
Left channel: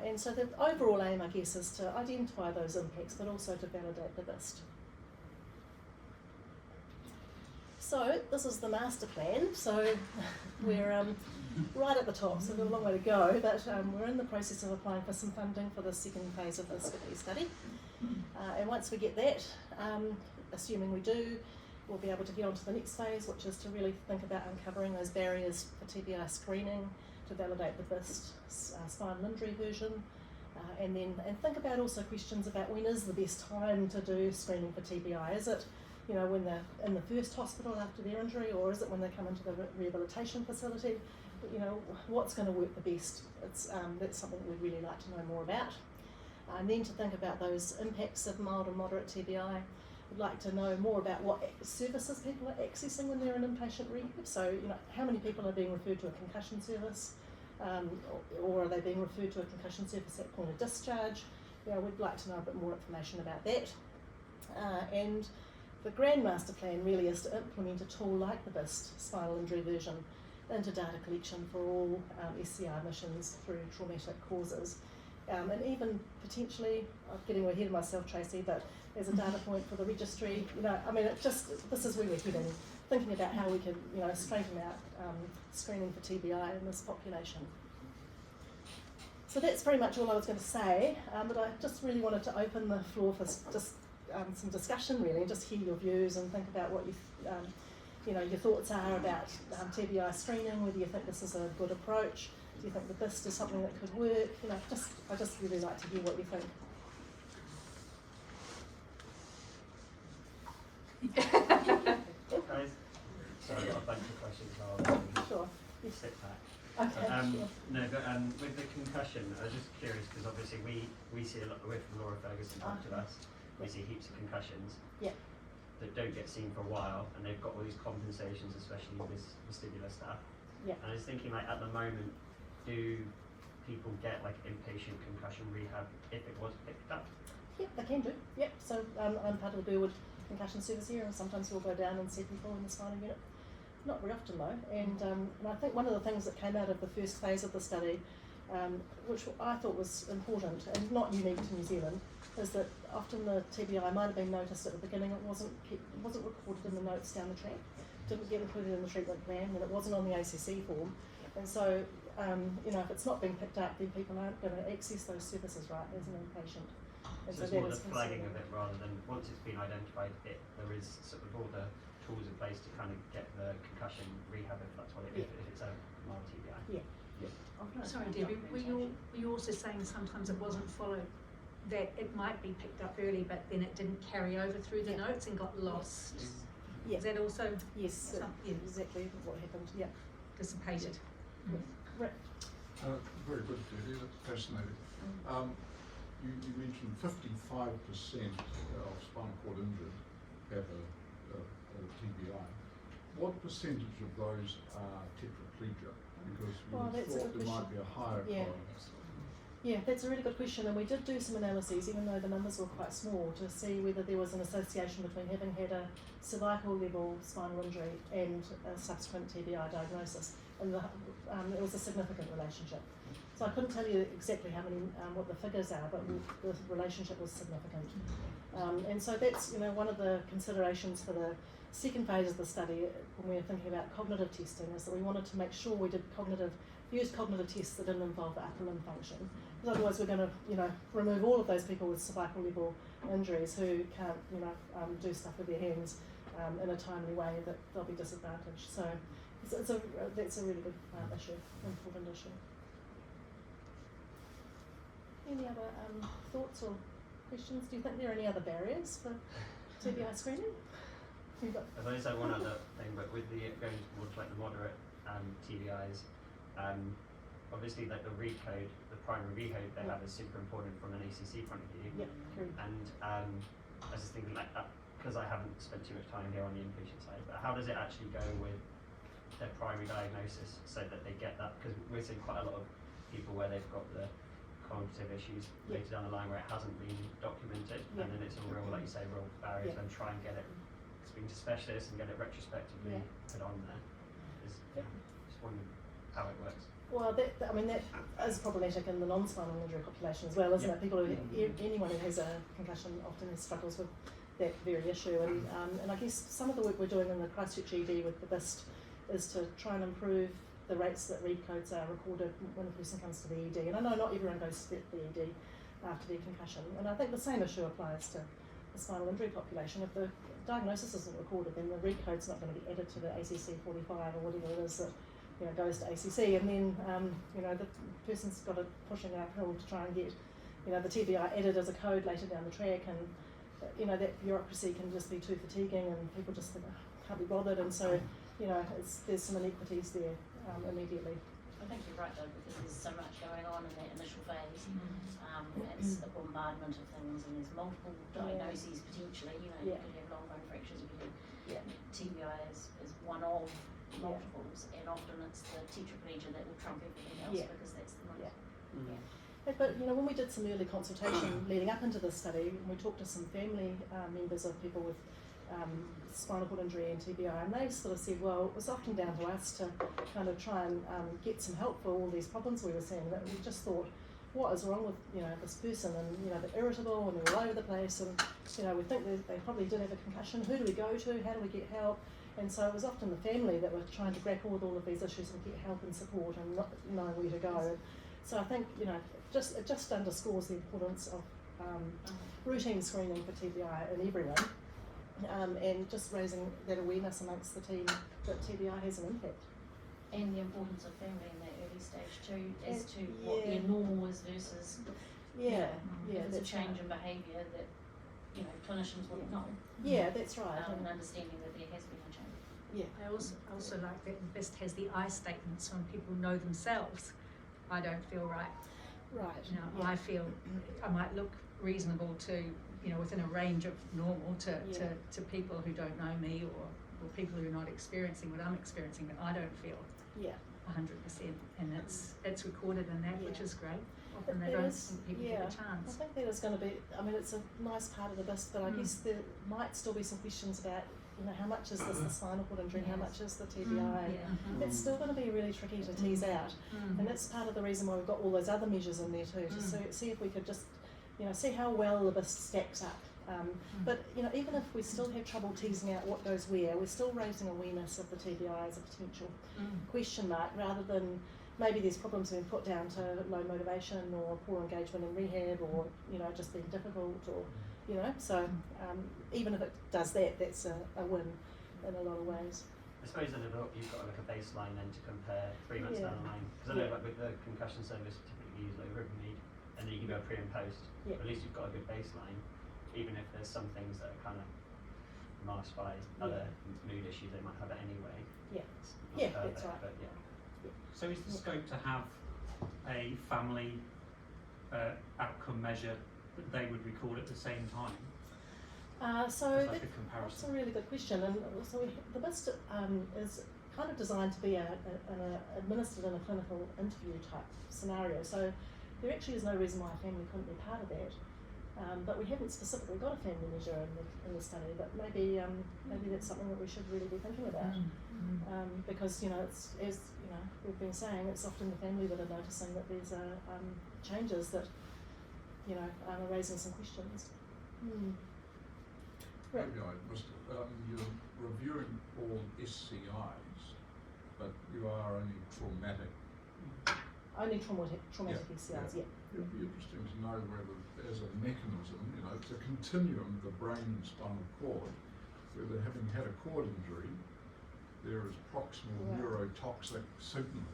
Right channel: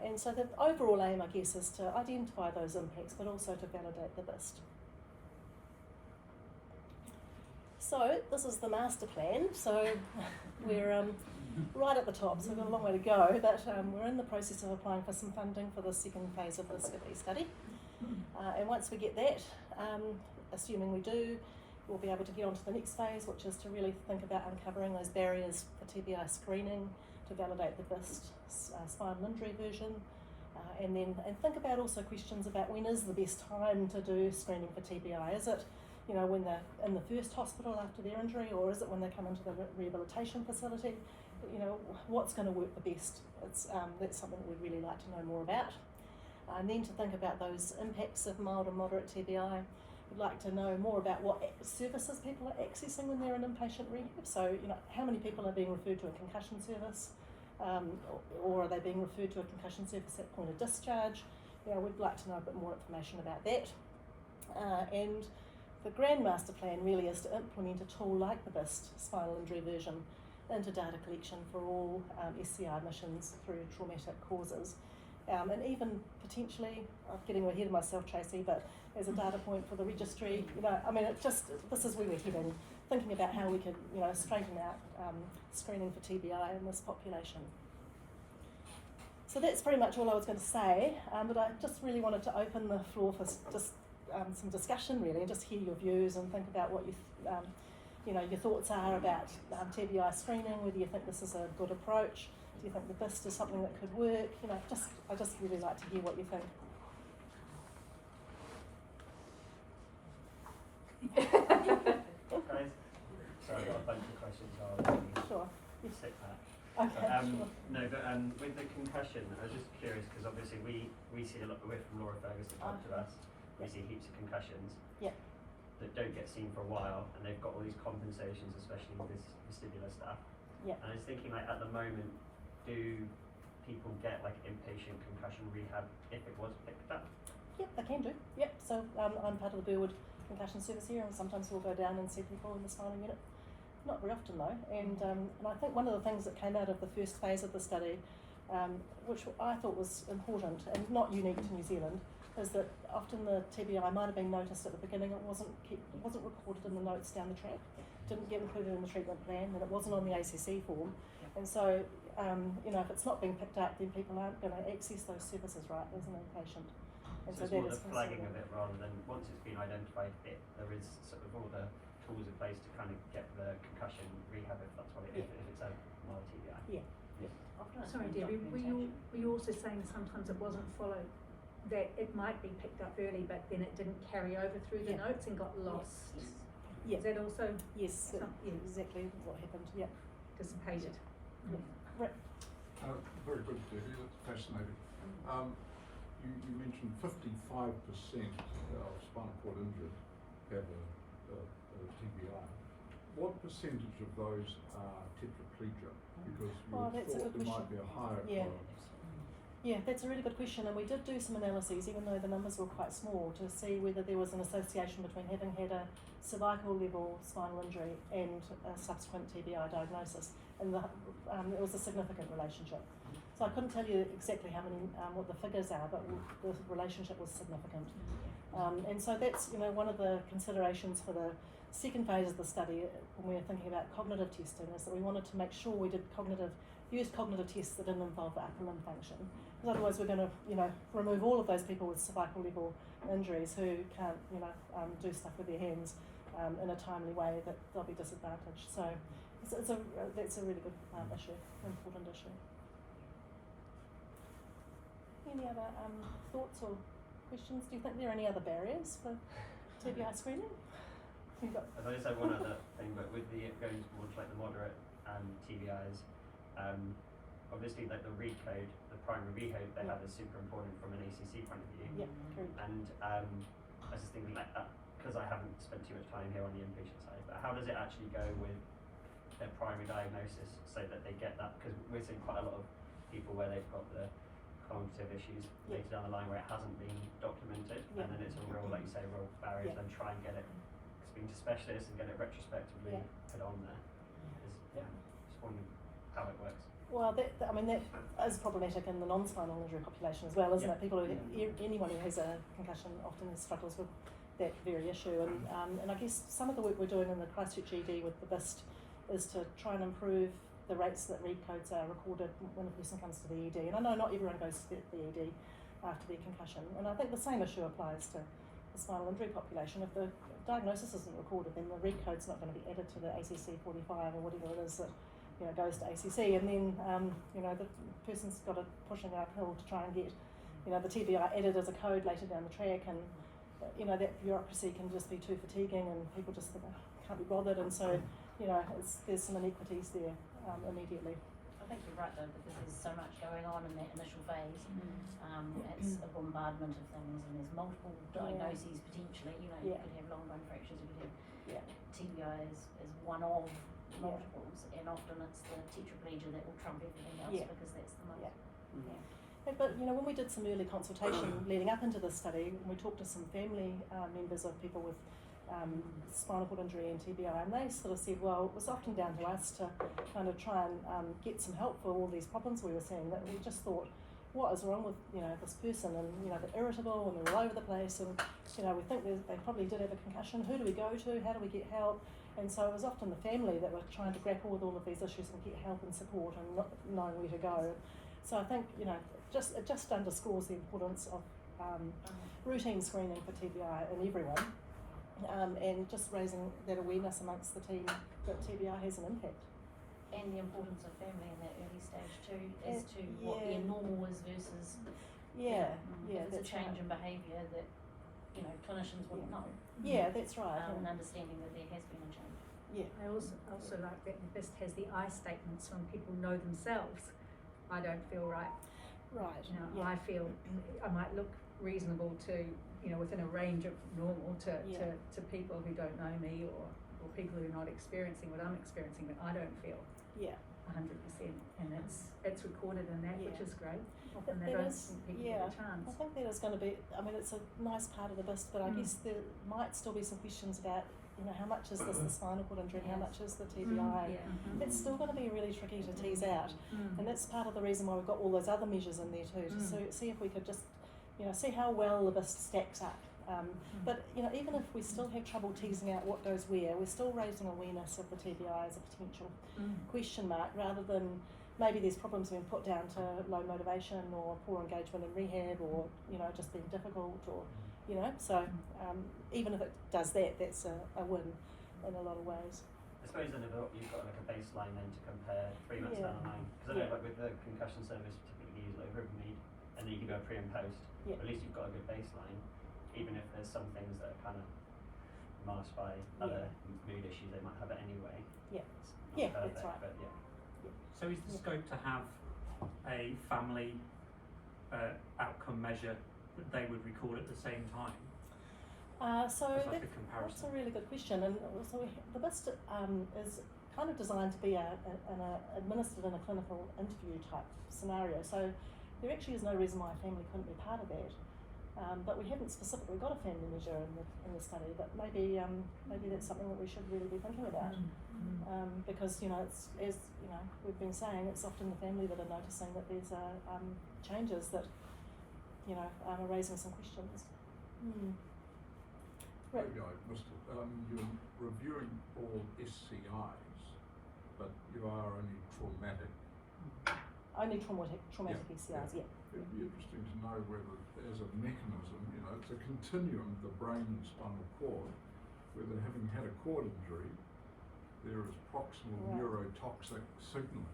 And so the overall aim, I guess, is to identify those impacts, but also to validate the BIST. So this is the master plan. So we're right at the top, so we've got a long way to go, but we're in the process of applying for some funding for the second phase of this study. And once we get that, assuming we do, we'll be able to get on to the next phase, which is to really think about uncovering those barriers for TBI screening, to validate the BIST spinal injury version, and think about also questions about when is the best time to do screening for TBI. Is it when they're in the first hospital after their injury, or is it when they come into the rehabilitation facility? What's going to work the best? That's something we'd really like to know more about. And then to think about those impacts of mild and moderate TBI. We'd like to know more about what services people are accessing when they're in inpatient rehab. So, how many people are being referred to a concussion service, or are they being referred to a concussion service at point of discharge? We'd like to know a bit more information about that. And the grand master plan really is to implement a tool like the BIST spinal injury version into data collection for all SCR admissions through traumatic causes. And even potentially, I'm getting ahead of myself, Tracy, but as a data point for the registry, this is where we're heading, thinking about how we could, straighten out screening for TBI in this population. So that's pretty much all I was going to say, but I just really wanted to open the floor for just some discussion, really, just hear your views and think about what your thoughts are about TBI screening, whether you think this is a good approach. Do you think the BIST is something that could work? I just really like to hear what you think. Guys, sorry, I've got a bunch of questions. Sure. Sit back. Okay. Sure. No, but with the concussion, I was just curious because obviously we see a lot. We're from Laura Ferguson talk to us. We see heaps of concussions that don't get seen for a while, and they've got all these compensations, especially with this vestibular stuff. Yeah. And I was thinking, at the moment, do people get inpatient concussion rehab if it was picked up? Yeah, they can do. Yep. So I'm part of the Burwood concussion service here, and sometimes we'll go down and see people in the spinal unit. Not very often though. And I think one of the things that came out of the first phase of the study, which I thought was important and not unique to New Zealand, is that often the TBI might have been noticed at the beginning. It wasn't recorded in the notes down the track. Didn't get included in the treatment plan, and it wasn't on the ACC form. And so, if it's not being picked up, then people aren't going to access those services right as an inpatient. And so it's more the flagging of it rather than once it's been identified, there is sort of all the tools in place to kind of get the concussion rehab if that's what it is, if it's a mild TBI. Yeah. Sorry, Debbie, were you also saying sometimes it wasn't followed, that it might be picked up early but then it didn't carry over through the notes and got lost? Yeah. Is that also exactly what happened? Yeah. dissipated? Right. Very good, Debbie. That's fascinating. You mentioned 55% of spinal cord injured have a TBI. what percentage of those are tetraplegia? Because you Well, would that's a thought good there might be a higher Yeah. tolerance. Yeah, that's a really good question, and we did do some analyses, even though the numbers were quite small, to see whether there was an association between having had a cervical level spinal injury and a subsequent TBI diagnosis, and it was a significant relationship. So I couldn't tell you exactly how many, what the figures are, but the relationship was significant. And so that's, you know, one of the considerations for the second phase of the study when we were thinking about cognitive testing, is that we wanted to make sure we did used cognitive tests that didn't involve the upper limb function. Because otherwise we're going to, you know, remove all of those people with cervical level injuries who can't, you know, do stuff with their hands in a timely way, that they'll be disadvantaged. So that's a really good issue, important issue. Any other thoughts or questions? Do you think there are any other barriers for TBI screening? I've only said one other thing, but with the going towards like the moderate TBIs, obviously like the recode, the primary recode they have is super important from an ACC point of view. Yeah, true. And I was just thinking like that, because I haven't spent too much time here on the inpatient side, but how does it actually go with their primary diagnosis so that they get that? Because we're seeing quite a lot of people where they've got the cognitive issues later down the line where it hasn't been documented, and then it's a real, like you say, real barrier to them try and get it, speaking to specialists and get it retrospectively put on there. Just wondering how it works. Well, that is problematic in the non-spinal injury population as well, isn't it? People, anyone who has a concussion often struggles with that very issue, and I guess some of the work we're doing in the Christchurch ED with the BIST is to try and improve the rates that read codes are recorded when a person comes to the ED. And I know not everyone goes to the ED after their concussion, and I think the same issue applies to the spinal injury population. If the diagnosis isn't recorded, then the read code's not going to be added to the ACC 45 or whatever it is that, you know, goes to ACC, and then you know, the person's got to pushing an uphill to try and get, you know, the TBI added as a code later down the track, and you know, that bureaucracy can just be too fatiguing, and people just think, oh, can't be bothered, and so, you know, there's some inequities there immediately. I think you're right though, because there's so much going on in that initial phase. It's a bombardment of things, and there's multiple diagnoses potentially. You know, you could have long bone fractures, you could have TBI is one of multiples, and often it's the tetraplegia that will trump everything else because that's the most. But you know, when we did some early consultation leading up into this study, we talked to some family members of people with spinal cord injury and TBI, and they sort of said, well, it was often down to us to kind of try and get some help for all these problems we were seeing, that we just thought, what is wrong with, you know, this person, and you know, they're irritable and they're all over the place, and you know, we think they probably did have a concussion. Who do we go to? How do we get help? And so it was often the family that were trying to grapple with all of these issues and get help and support and not knowing where to go. So I think, you know, it just underscores the importance of routine screening for TBI in everyone, and just raising that awareness amongst the team that TBI has an impact. And the importance of family in that early stage too, as to what their normal is versus it's a change in behaviour that, you know, clinicians wouldn't know. Yeah, that's right. And understanding that there has been a change. Yeah. I also like that the BIST has the I statements when people know themselves. I don't feel right. Right. You know, I feel I might look reasonable to, you know, within a range of normal to people who don't know me, or people who are not experiencing what I'm experiencing, but I don't feel 100%, and it's recorded in that, which is great. And I don't think people get a chance. I think that is going to be, I mean, it's a nice part of the BIST, but I guess there might still be some questions about, you know, how much is this the spinal cord injury, how much is the TBI? It's still going to be really tricky to tease out, and that's part of the reason why we've got all those other measures in there too, to see if we could just, you know, see how well the BIST stacks up. But you know, even if we still have trouble teasing out what goes where, we're still raising awareness of the TBI as a potential question mark, rather than maybe there's problems being put down to low motivation or poor engagement in rehab, or you know, just being difficult, or you know, so even if it does that, that's a win in a lot of ways. I suppose then if you've got like a baseline then to compare 3 months down the line, because I know like with the concussion service typically use like Ribomid, and then you can go pre and post, but at least you've got a good baseline, even if there's some things that are kind of masked by other mood issues they might have it anyway. That's right. But So is the scope to have a family outcome measure that they would record at the same time? So Just like a that's comparison. a really good question, and so the BIST is kind of designed to be administered in a clinical interview type scenario. So there actually is no reason why a family couldn't be part of that. But we haven't specifically got a family measure in the study, but maybe that's something that we should really be thinking about. Because it's, as we've been saying, it's often the family that are noticing that there's changes that are raising some questions. Right. Maybe you're reviewing all SCIs, but you are only traumatic. Only traumatic PCRs, yeah. It'd be interesting to know whether, as a mechanism, it's a continuum, the brain and spinal cord, whether having had a cord injury, there is proximal neurotoxic signaling.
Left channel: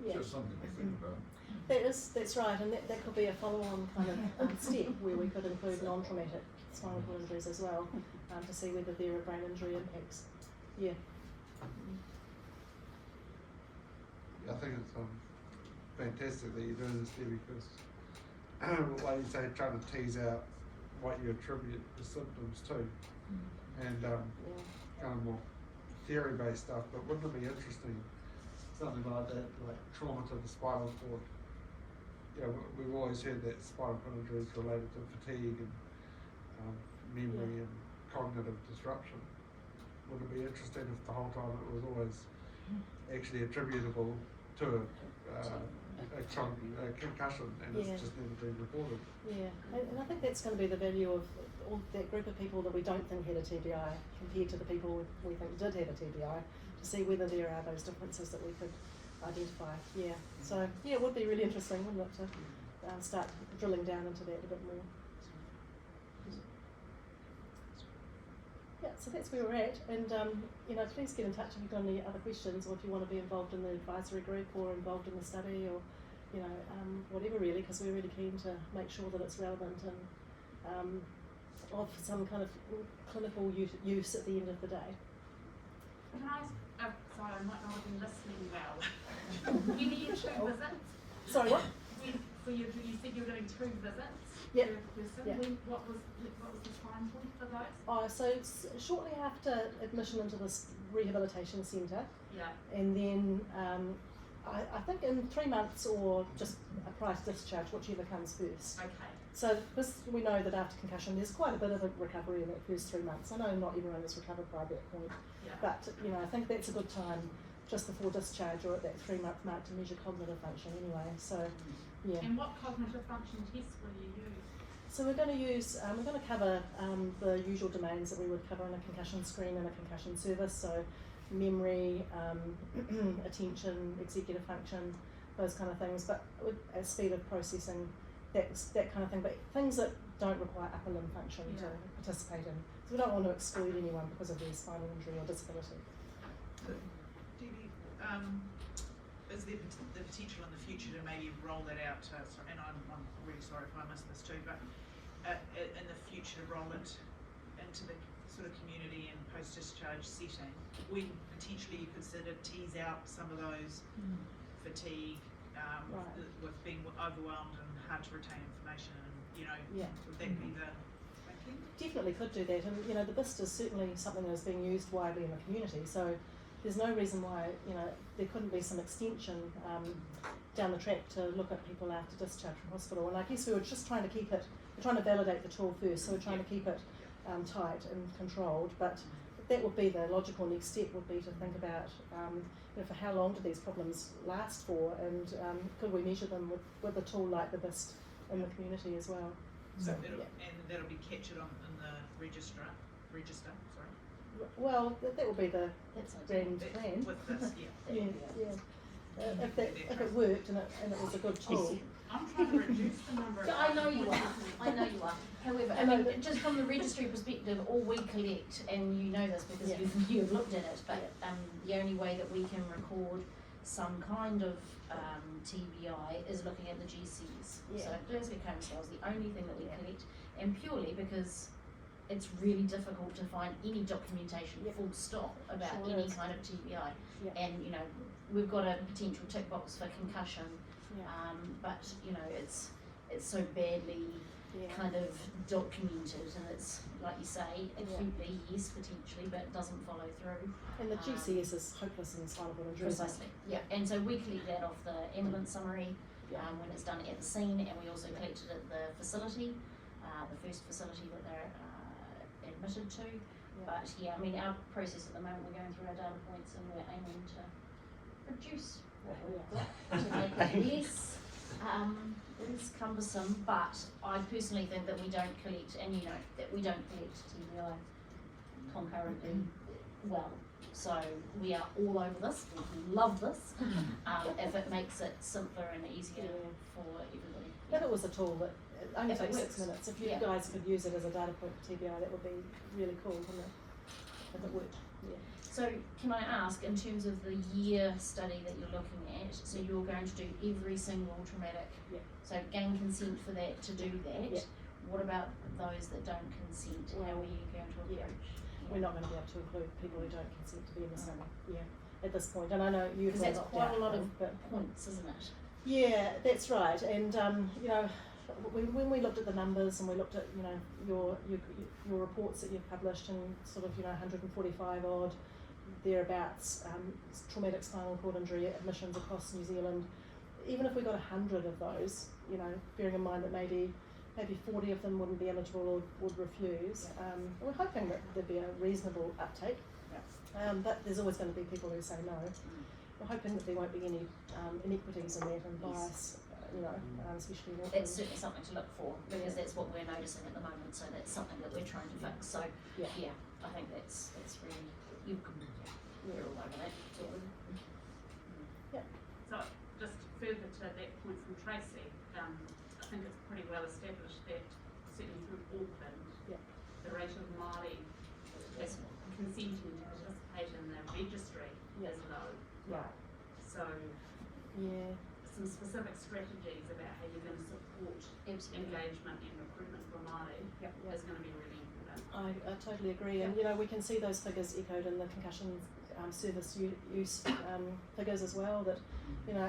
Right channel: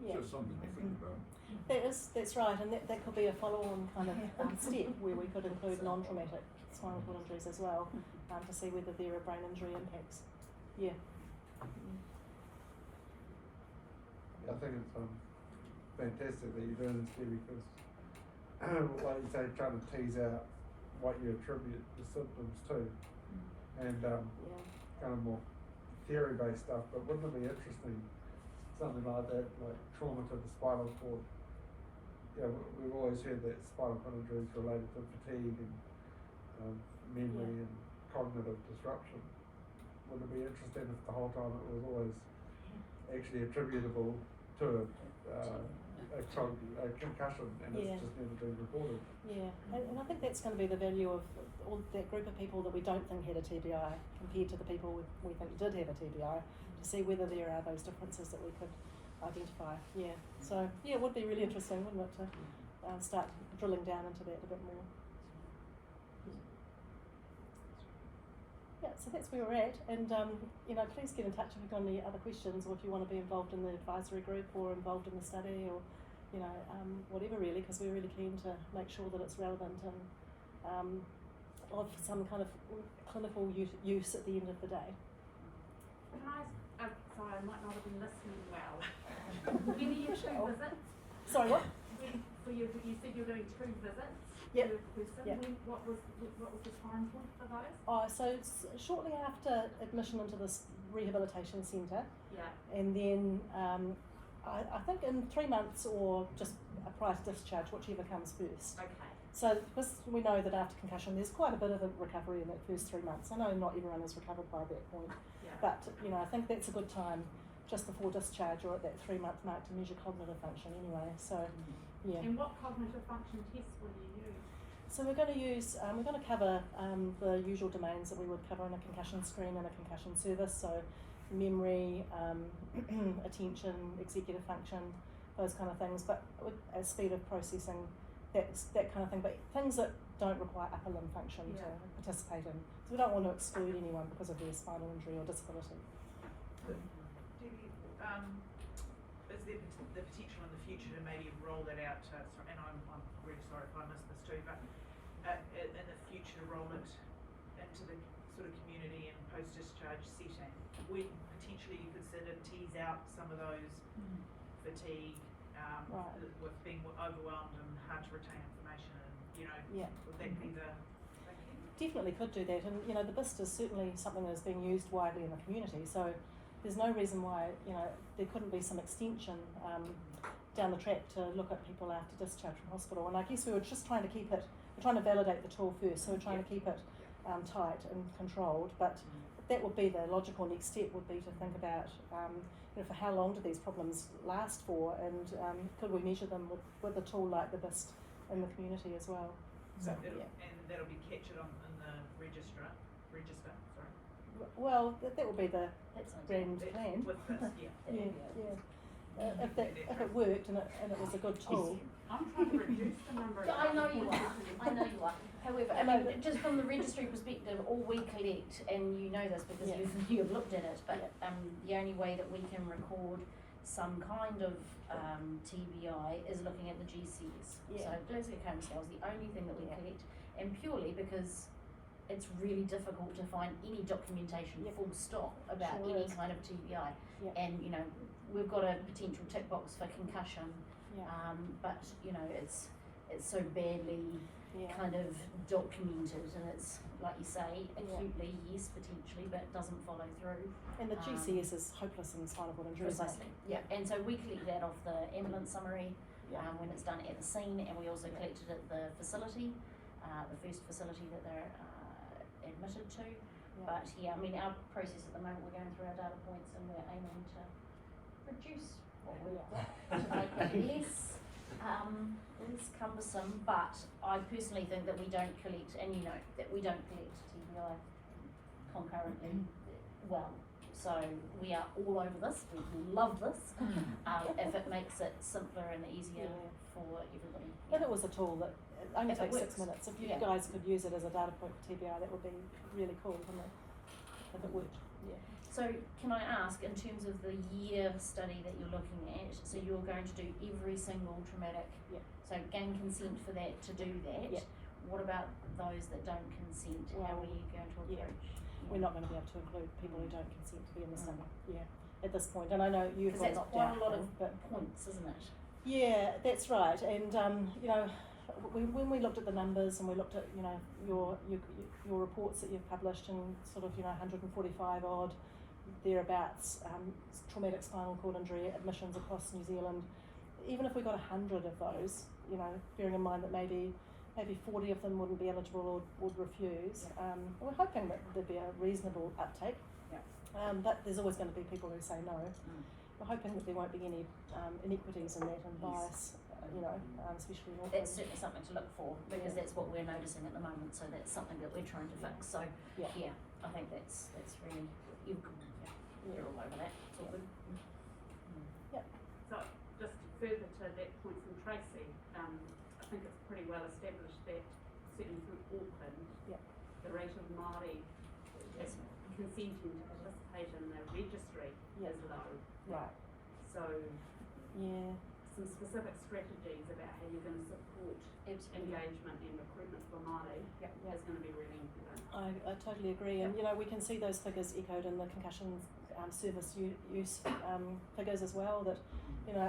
Yeah. Just something to think about. That's right, and that could be a follow-on kind of step where we could include non-traumatic spinal cord injuries as well, to see whether there are brain injury impacts. Yeah. I think it's fantastic that you're doing this, Debbie, because like you say, trying to tease out what you attribute the symptoms to, and kind of more theory-based stuff. But wouldn't it be interesting, something like that, like trauma to the spinal cord? Yeah, we've always heard that spinal cord injury is related to fatigue and memory and cognitive disruption. Would it be interesting if the whole time it was always actually attributable to a concussion and it's just never been reported? Yeah, and I think that's going to be the value of all that group of people that we don't think had a TBI compared to the people we think did have a TBI, to see whether there are those differences that we could identify. Yeah, so it would be really interesting, wouldn't it, to start drilling down into that a bit more. Yeah, so that's where we're at, and please get in touch if you've got any other questions, or if you want to be involved in the advisory group or involved in the study, or whatever really, because we're really keen to make sure that it's relevant and of some kind of clinical use at the end of the day. Can I ask, sorry, I might not have been listening well. You need 2 visits? Sorry, what? You said you were doing 2 visits? Yep. Per person. Yep. What was the time for those? So it's shortly after admission into this rehabilitation centre. Yeah. And then I think in 3 months or just prior to discharge, whichever comes first. Okay. So because we know that after concussion there's quite a bit of a recovery in that first 3 months. I know not everyone is recovered by that point, but I think that's a good time just before discharge or at that 3-month mark to measure cognitive function anyway. So yeah. And what cognitive function tests will you use? So we're going to cover the usual domains that we would cover in a concussion screen and a concussion service. So memory, attention, executive function, those kind of things. But with a speed of processing, that kind of thing. But things that don't require upper limb function to participate in. So we don't want to exclude anyone because of their spinal injury or disability. Debbie, is there the potential in the future to maybe roll that out to, and I'm really sorry if I missed this too, but in the future enrolment into the sort of community and post-discharge setting, when potentially you consider tease out some of those fatigue, with being overwhelmed and hard to retain information, and would that be the Definitely could do that, and the BIST is certainly something that is being used widely in the community, so there's no reason why there couldn't be some extension down the track to look at people after discharge from hospital. And I guess we were just trying to keep it, we're trying to validate the tool first, so we're trying to keep it tight and controlled, but that would be the logical next step, would be to think about for how long do these problems last for, and could we measure them with a tool like the BIST in the community as well. So and that'll be captured in the register, sorry. Well, that will be the grand plan. With this, If it worked and it was a good tool. I'm trying to reduce the number of I know you are. However, I mean, just from the registry perspective, all we collect, and you know this because you've looked at it, but the only way that we can record some kind of TBI is looking at the GCs. So Glasgow Coma Scale is the only thing that we collect, and purely because it's really difficult to find any documentation full stop about any kind of TBI. And we've got a potential tick box for concussion, but it's so badly kind of documented, and it's, like you say, acutely, yes, potentially, but it doesn't follow through. And the GCS is hopeless in spinal cord injury. Precisely, yeah. And so we collect that off the ambulance summary when it's done at the scene, and we also collect it at the facility, the first facility that they're admitted to. But yeah, I mean, our process at the moment, we're going through our data points and we're aiming to reduce what we've got to make it less, cumbersome. But I personally think that we don't collect, and you know, that we don't collect TBI concurrently well. So we are all over this, we love this, if it makes it simpler and easier for everybody. If it was a tool that only If it takes 6 works. minutes, if you guys could use it as a data point for TBI, that would be really cool, wouldn't it? If it worked, So can I ask, in terms of the year study that you're looking at, so you're going to do every single traumatic, so gain consent for that to do that. What about those that don't consent? How are you going to approach? We're not going to be able to include people who don't consent to be in the study, at this point. And I know you've Because got that's quite a lot of but points, isn't it? yeah, that's right. And you know, when we looked at the numbers and we looked at, you know, your reports that you've published, and sort of, you know, 145 odd thereabouts traumatic spinal cord injury admissions across New Zealand, even if we got 100 of those, you know, bearing in mind that maybe 40 of them wouldn't be eligible or would refuse, we're hoping that there'd be a reasonable uptake, but there's always going to be people who say no. We're hoping that there won't be any inequities in that and bias, you know, especially in Auckland. That's certainly something to look for, because that's what we're noticing at the moment, so that's something that we're trying to fix. So yeah, I think that's really, we're all over that. So just further to that point from Tracy, I think it's pretty well established that certainly through Auckland, the rate of Māori consenting to participate in the registry is low. Right. So some specific strategies about how you're going to support engagement and recruitment for Māori is going to be really important. I totally agree, and you know, we can see those figures echoed in the concussion service use figures as well, that, you know,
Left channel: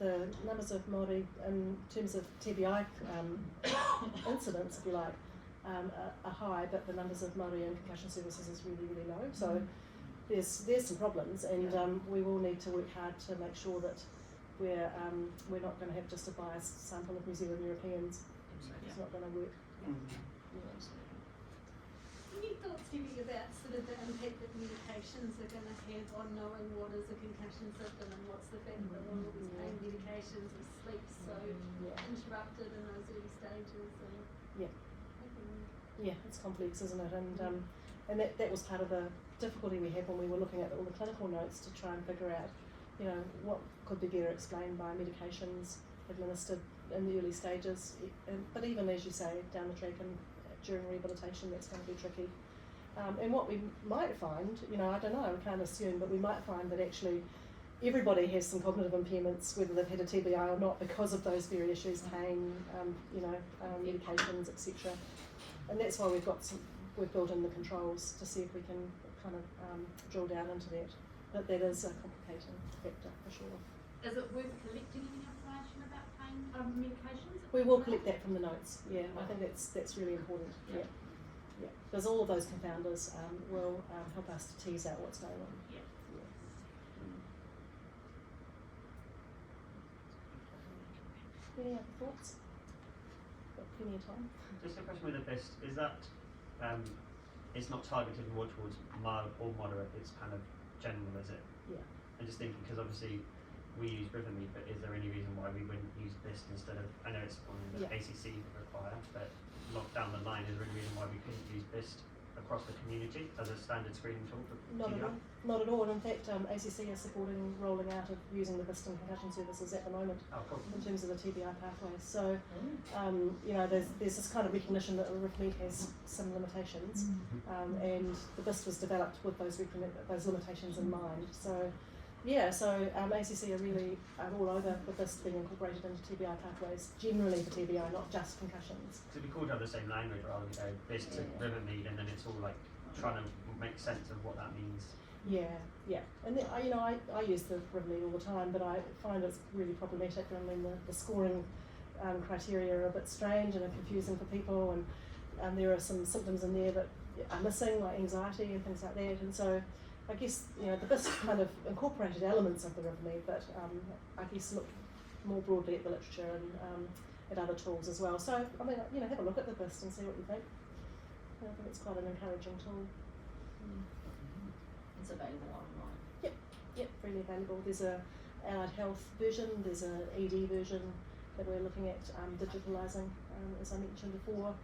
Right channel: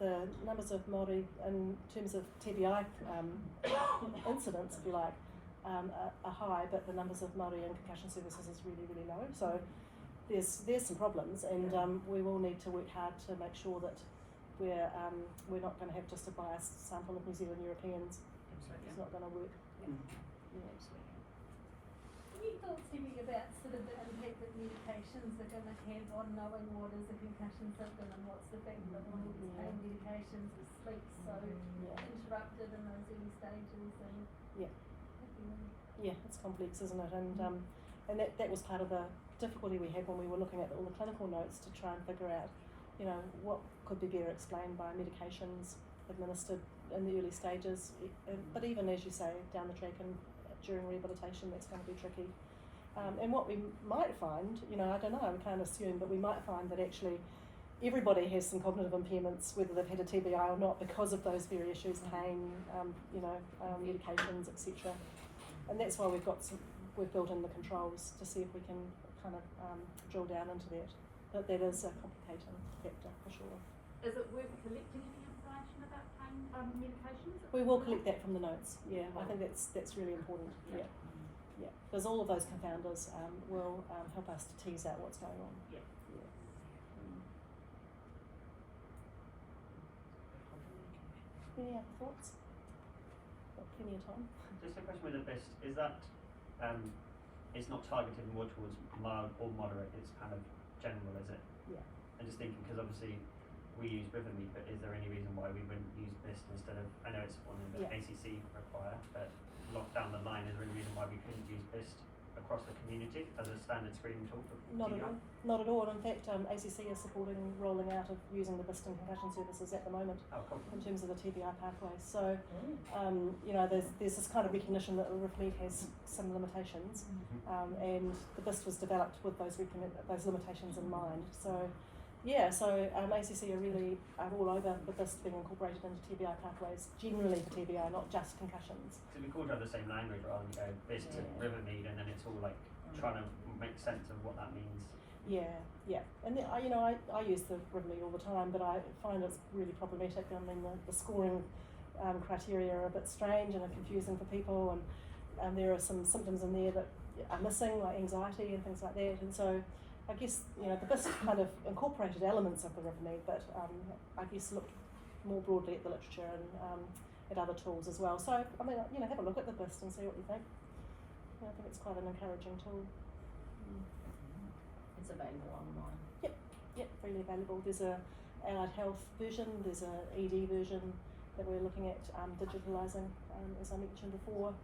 the numbers of Māori in terms of TBI incidents, if you like, are high, but the numbers of Māori in concussion services is really, really low. So there's some problems, and we will need to work hard to make sure that we're not going to have just a biased sample of New Zealand Europeans. It's not going to work. Any thoughts thinking about sort of the impact that medications are going to have on knowing what is a concussion symptom and what's the fact that all these pain medications with sleep so interrupted in those early stages? And it's complex, isn't it? And that was part of the difficulty we had when we were looking at all the clinical notes to try and figure out, you know, what could be better explained by medications administered in the early stages. But even, as you say, down the track and during rehabilitation, that's going to be tricky. And what we might find, you know, I don't know, we can't assume, but we might find that actually everybody has some cognitive impairments, whether they've had a TBI or not, because of those very issues, pain, medications, etc. And that's why we've built in the controls to see if we can kind of drill down into that. But that is a complicating factor for sure. Is it worth collecting any information about pain medications? We will collect that from the notes. Yeah, I think that's really important. Yeah. Because all of those confounders will help us to tease out what's going on. Any other thoughts? Got plenty of time. Just a question with the best, is that it's not targeted more towards mild or moderate, it's kind of general, is it? Yeah. I'm just thinking, because obviously we use Rivermead, but is there any reason why we wouldn't use BIST instead of, I know it's one of the ACC require, but not down the line, is there any reason why we couldn't use BIST across the community as a standard screening tool for TBI? Not at all. In fact, ACC is supporting rolling out of using the BIST in concussion services at the moment. Oh, cool. In terms of the TBI pathway. So, you know, there's this kind of recognition that Rivermead has some limitations, and the BIST was developed with those limitations in mind. So, ACC are really all over the BIST being incorporated into TBI pathways, generally for TBI, not just concussions. It'd be cool to have the same language rather than go BIST to Rivermead, and then it's all like trying to make sense of what that means. And I use the Rivermead all the time, but I find it's really problematic. I mean, the scoring criteria are a bit strange and are confusing for people, and there are some symptoms in there that are missing, like anxiety and things like that. And so I guess, you know, the BIST kind of incorporated elements of the RIVME, but I guess looked more broadly at the literature and at other tools as well. So, I mean, you know, have a look at the BIST and see what you think. I think it's quite an encouraging tool. It's available online. Yep, freely available. There's a allied health version, there's a ED version that we're looking at digitalising, as I mentioned before.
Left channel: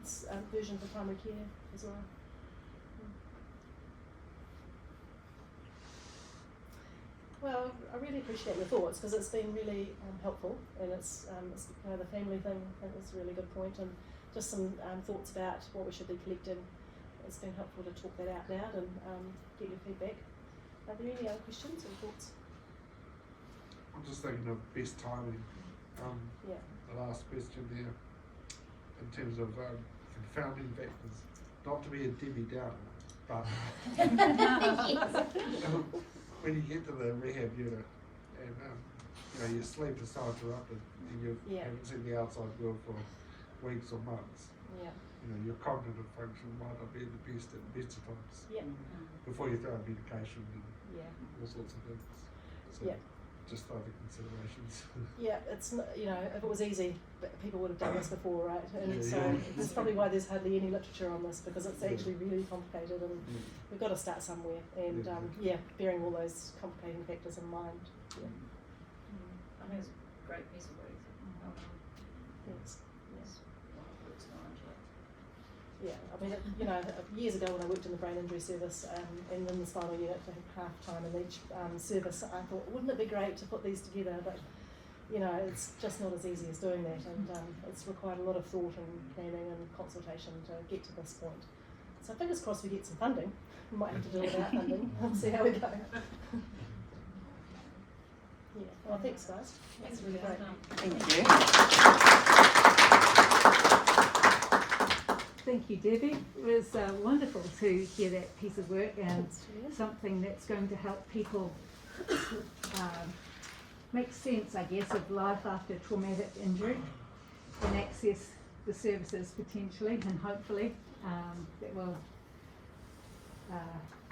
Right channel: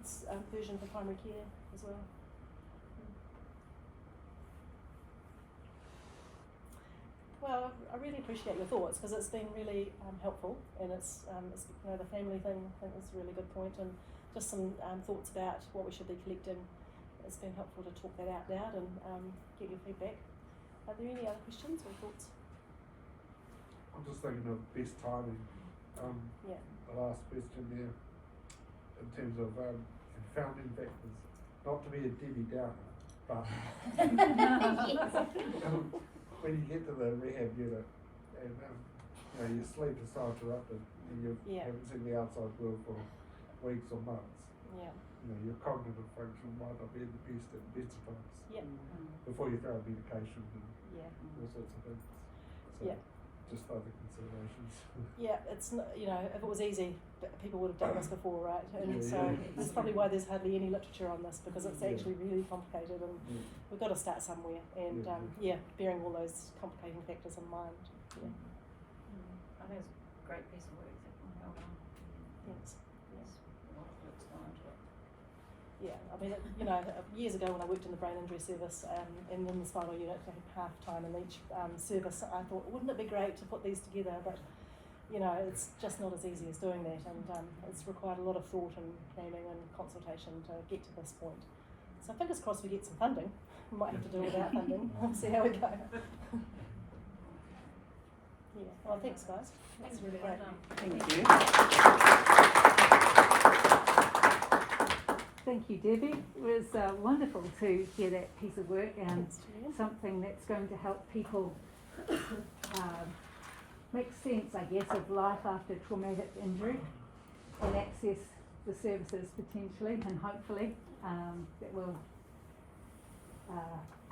It's a version for primary care as well. Well, I really appreciate your thoughts because it's been really helpful, and it's you know, the family thing I think is a really good point, and just some thoughts about what we should be collecting. It's been helpful to talk that out loud and get your feedback. Are there any other questions or thoughts? I'm just thinking of best timing. The last question there, in terms of confounding factors, not to be a Debbie Downer, but when you get to the rehab unit and you know, your sleep is so interrupted and you haven't seen the outside world for weeks or months. You know, your cognitive function might not be the best at the best of times. Before you throw medication and all sorts of things. So just other considerations. It's not, you know, if it was easy, people would have done this before, right? And so that's probably why there's hardly any literature on this, because it's actually really complicated, and we've got to start somewhere. And bearing all those complicating factors in mind. I think it's a great piece of work. Thanks. Looks on it. Yeah, I mean, you know, years ago when I worked in the brain injury service and in the spinal unit, I think half time in each service, I thought, wouldn't it be great to put these together? But, you know, it's just not as easy as doing that, and it's required a lot of thought and planning and consultation to get to this point. So fingers crossed we get some funding. We might have to do it without funding. We'll see how we go. Well, thanks, guys. That's really great. Thank you. Thank you, Debbie. It was wonderful to hear that piece of work, and something that's going to help people make sense, I guess, of life after traumatic injury and access the services potentially, and hopefully that will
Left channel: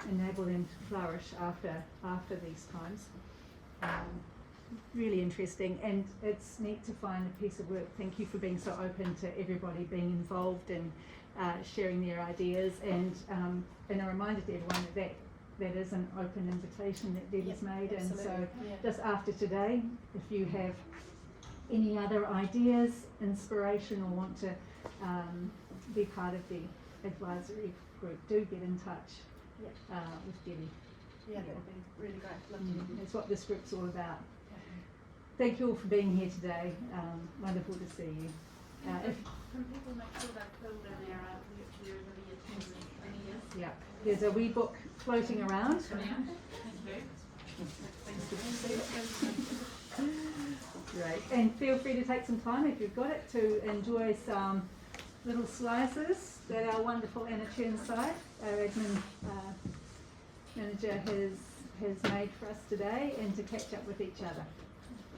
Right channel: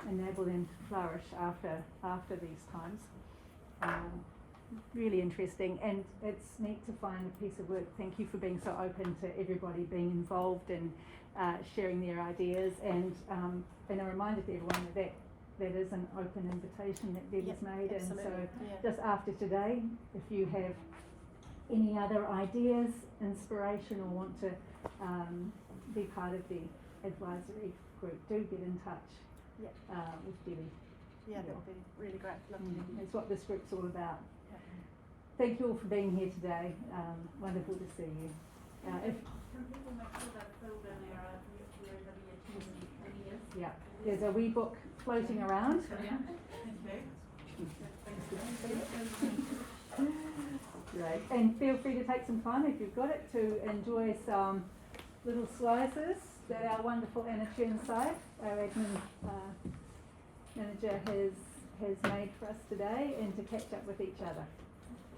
enable them to flourish after these times. Really interesting, and it's neat to find a piece of work. Thank you for being so open to everybody being involved and sharing their ideas, and a reminder to everyone that is an open invitation that Debbie's made. Absolutely. And so just after today, if you have any other ideas, inspiration, or want to be part of the advisory group, do get in touch with Debbie. That would be really great. That's what this group's all about. Thank you all for being here today. Wonderful to see you. If Can people make sure they're filled in their attendance? Yeah, there's a wee book floating around. Great, and feel free to take some time if you've got it to enjoy some little slices that our wonderful Anna Churnside, our admin manager, has made for us today, and to catch up with each other.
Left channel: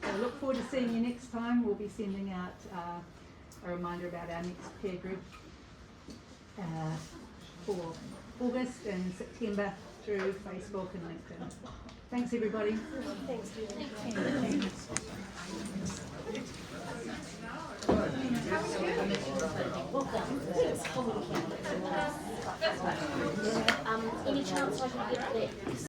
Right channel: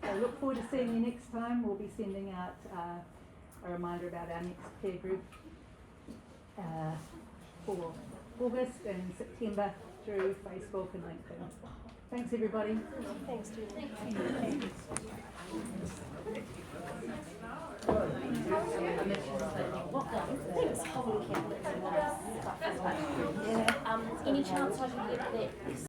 I look forward to seeing you next time. We'll be sending out a reminder about our next peer group for August and September through Facebook and LinkedIn. Thanks, everybody. Thanks, Julie. Any chance I can get that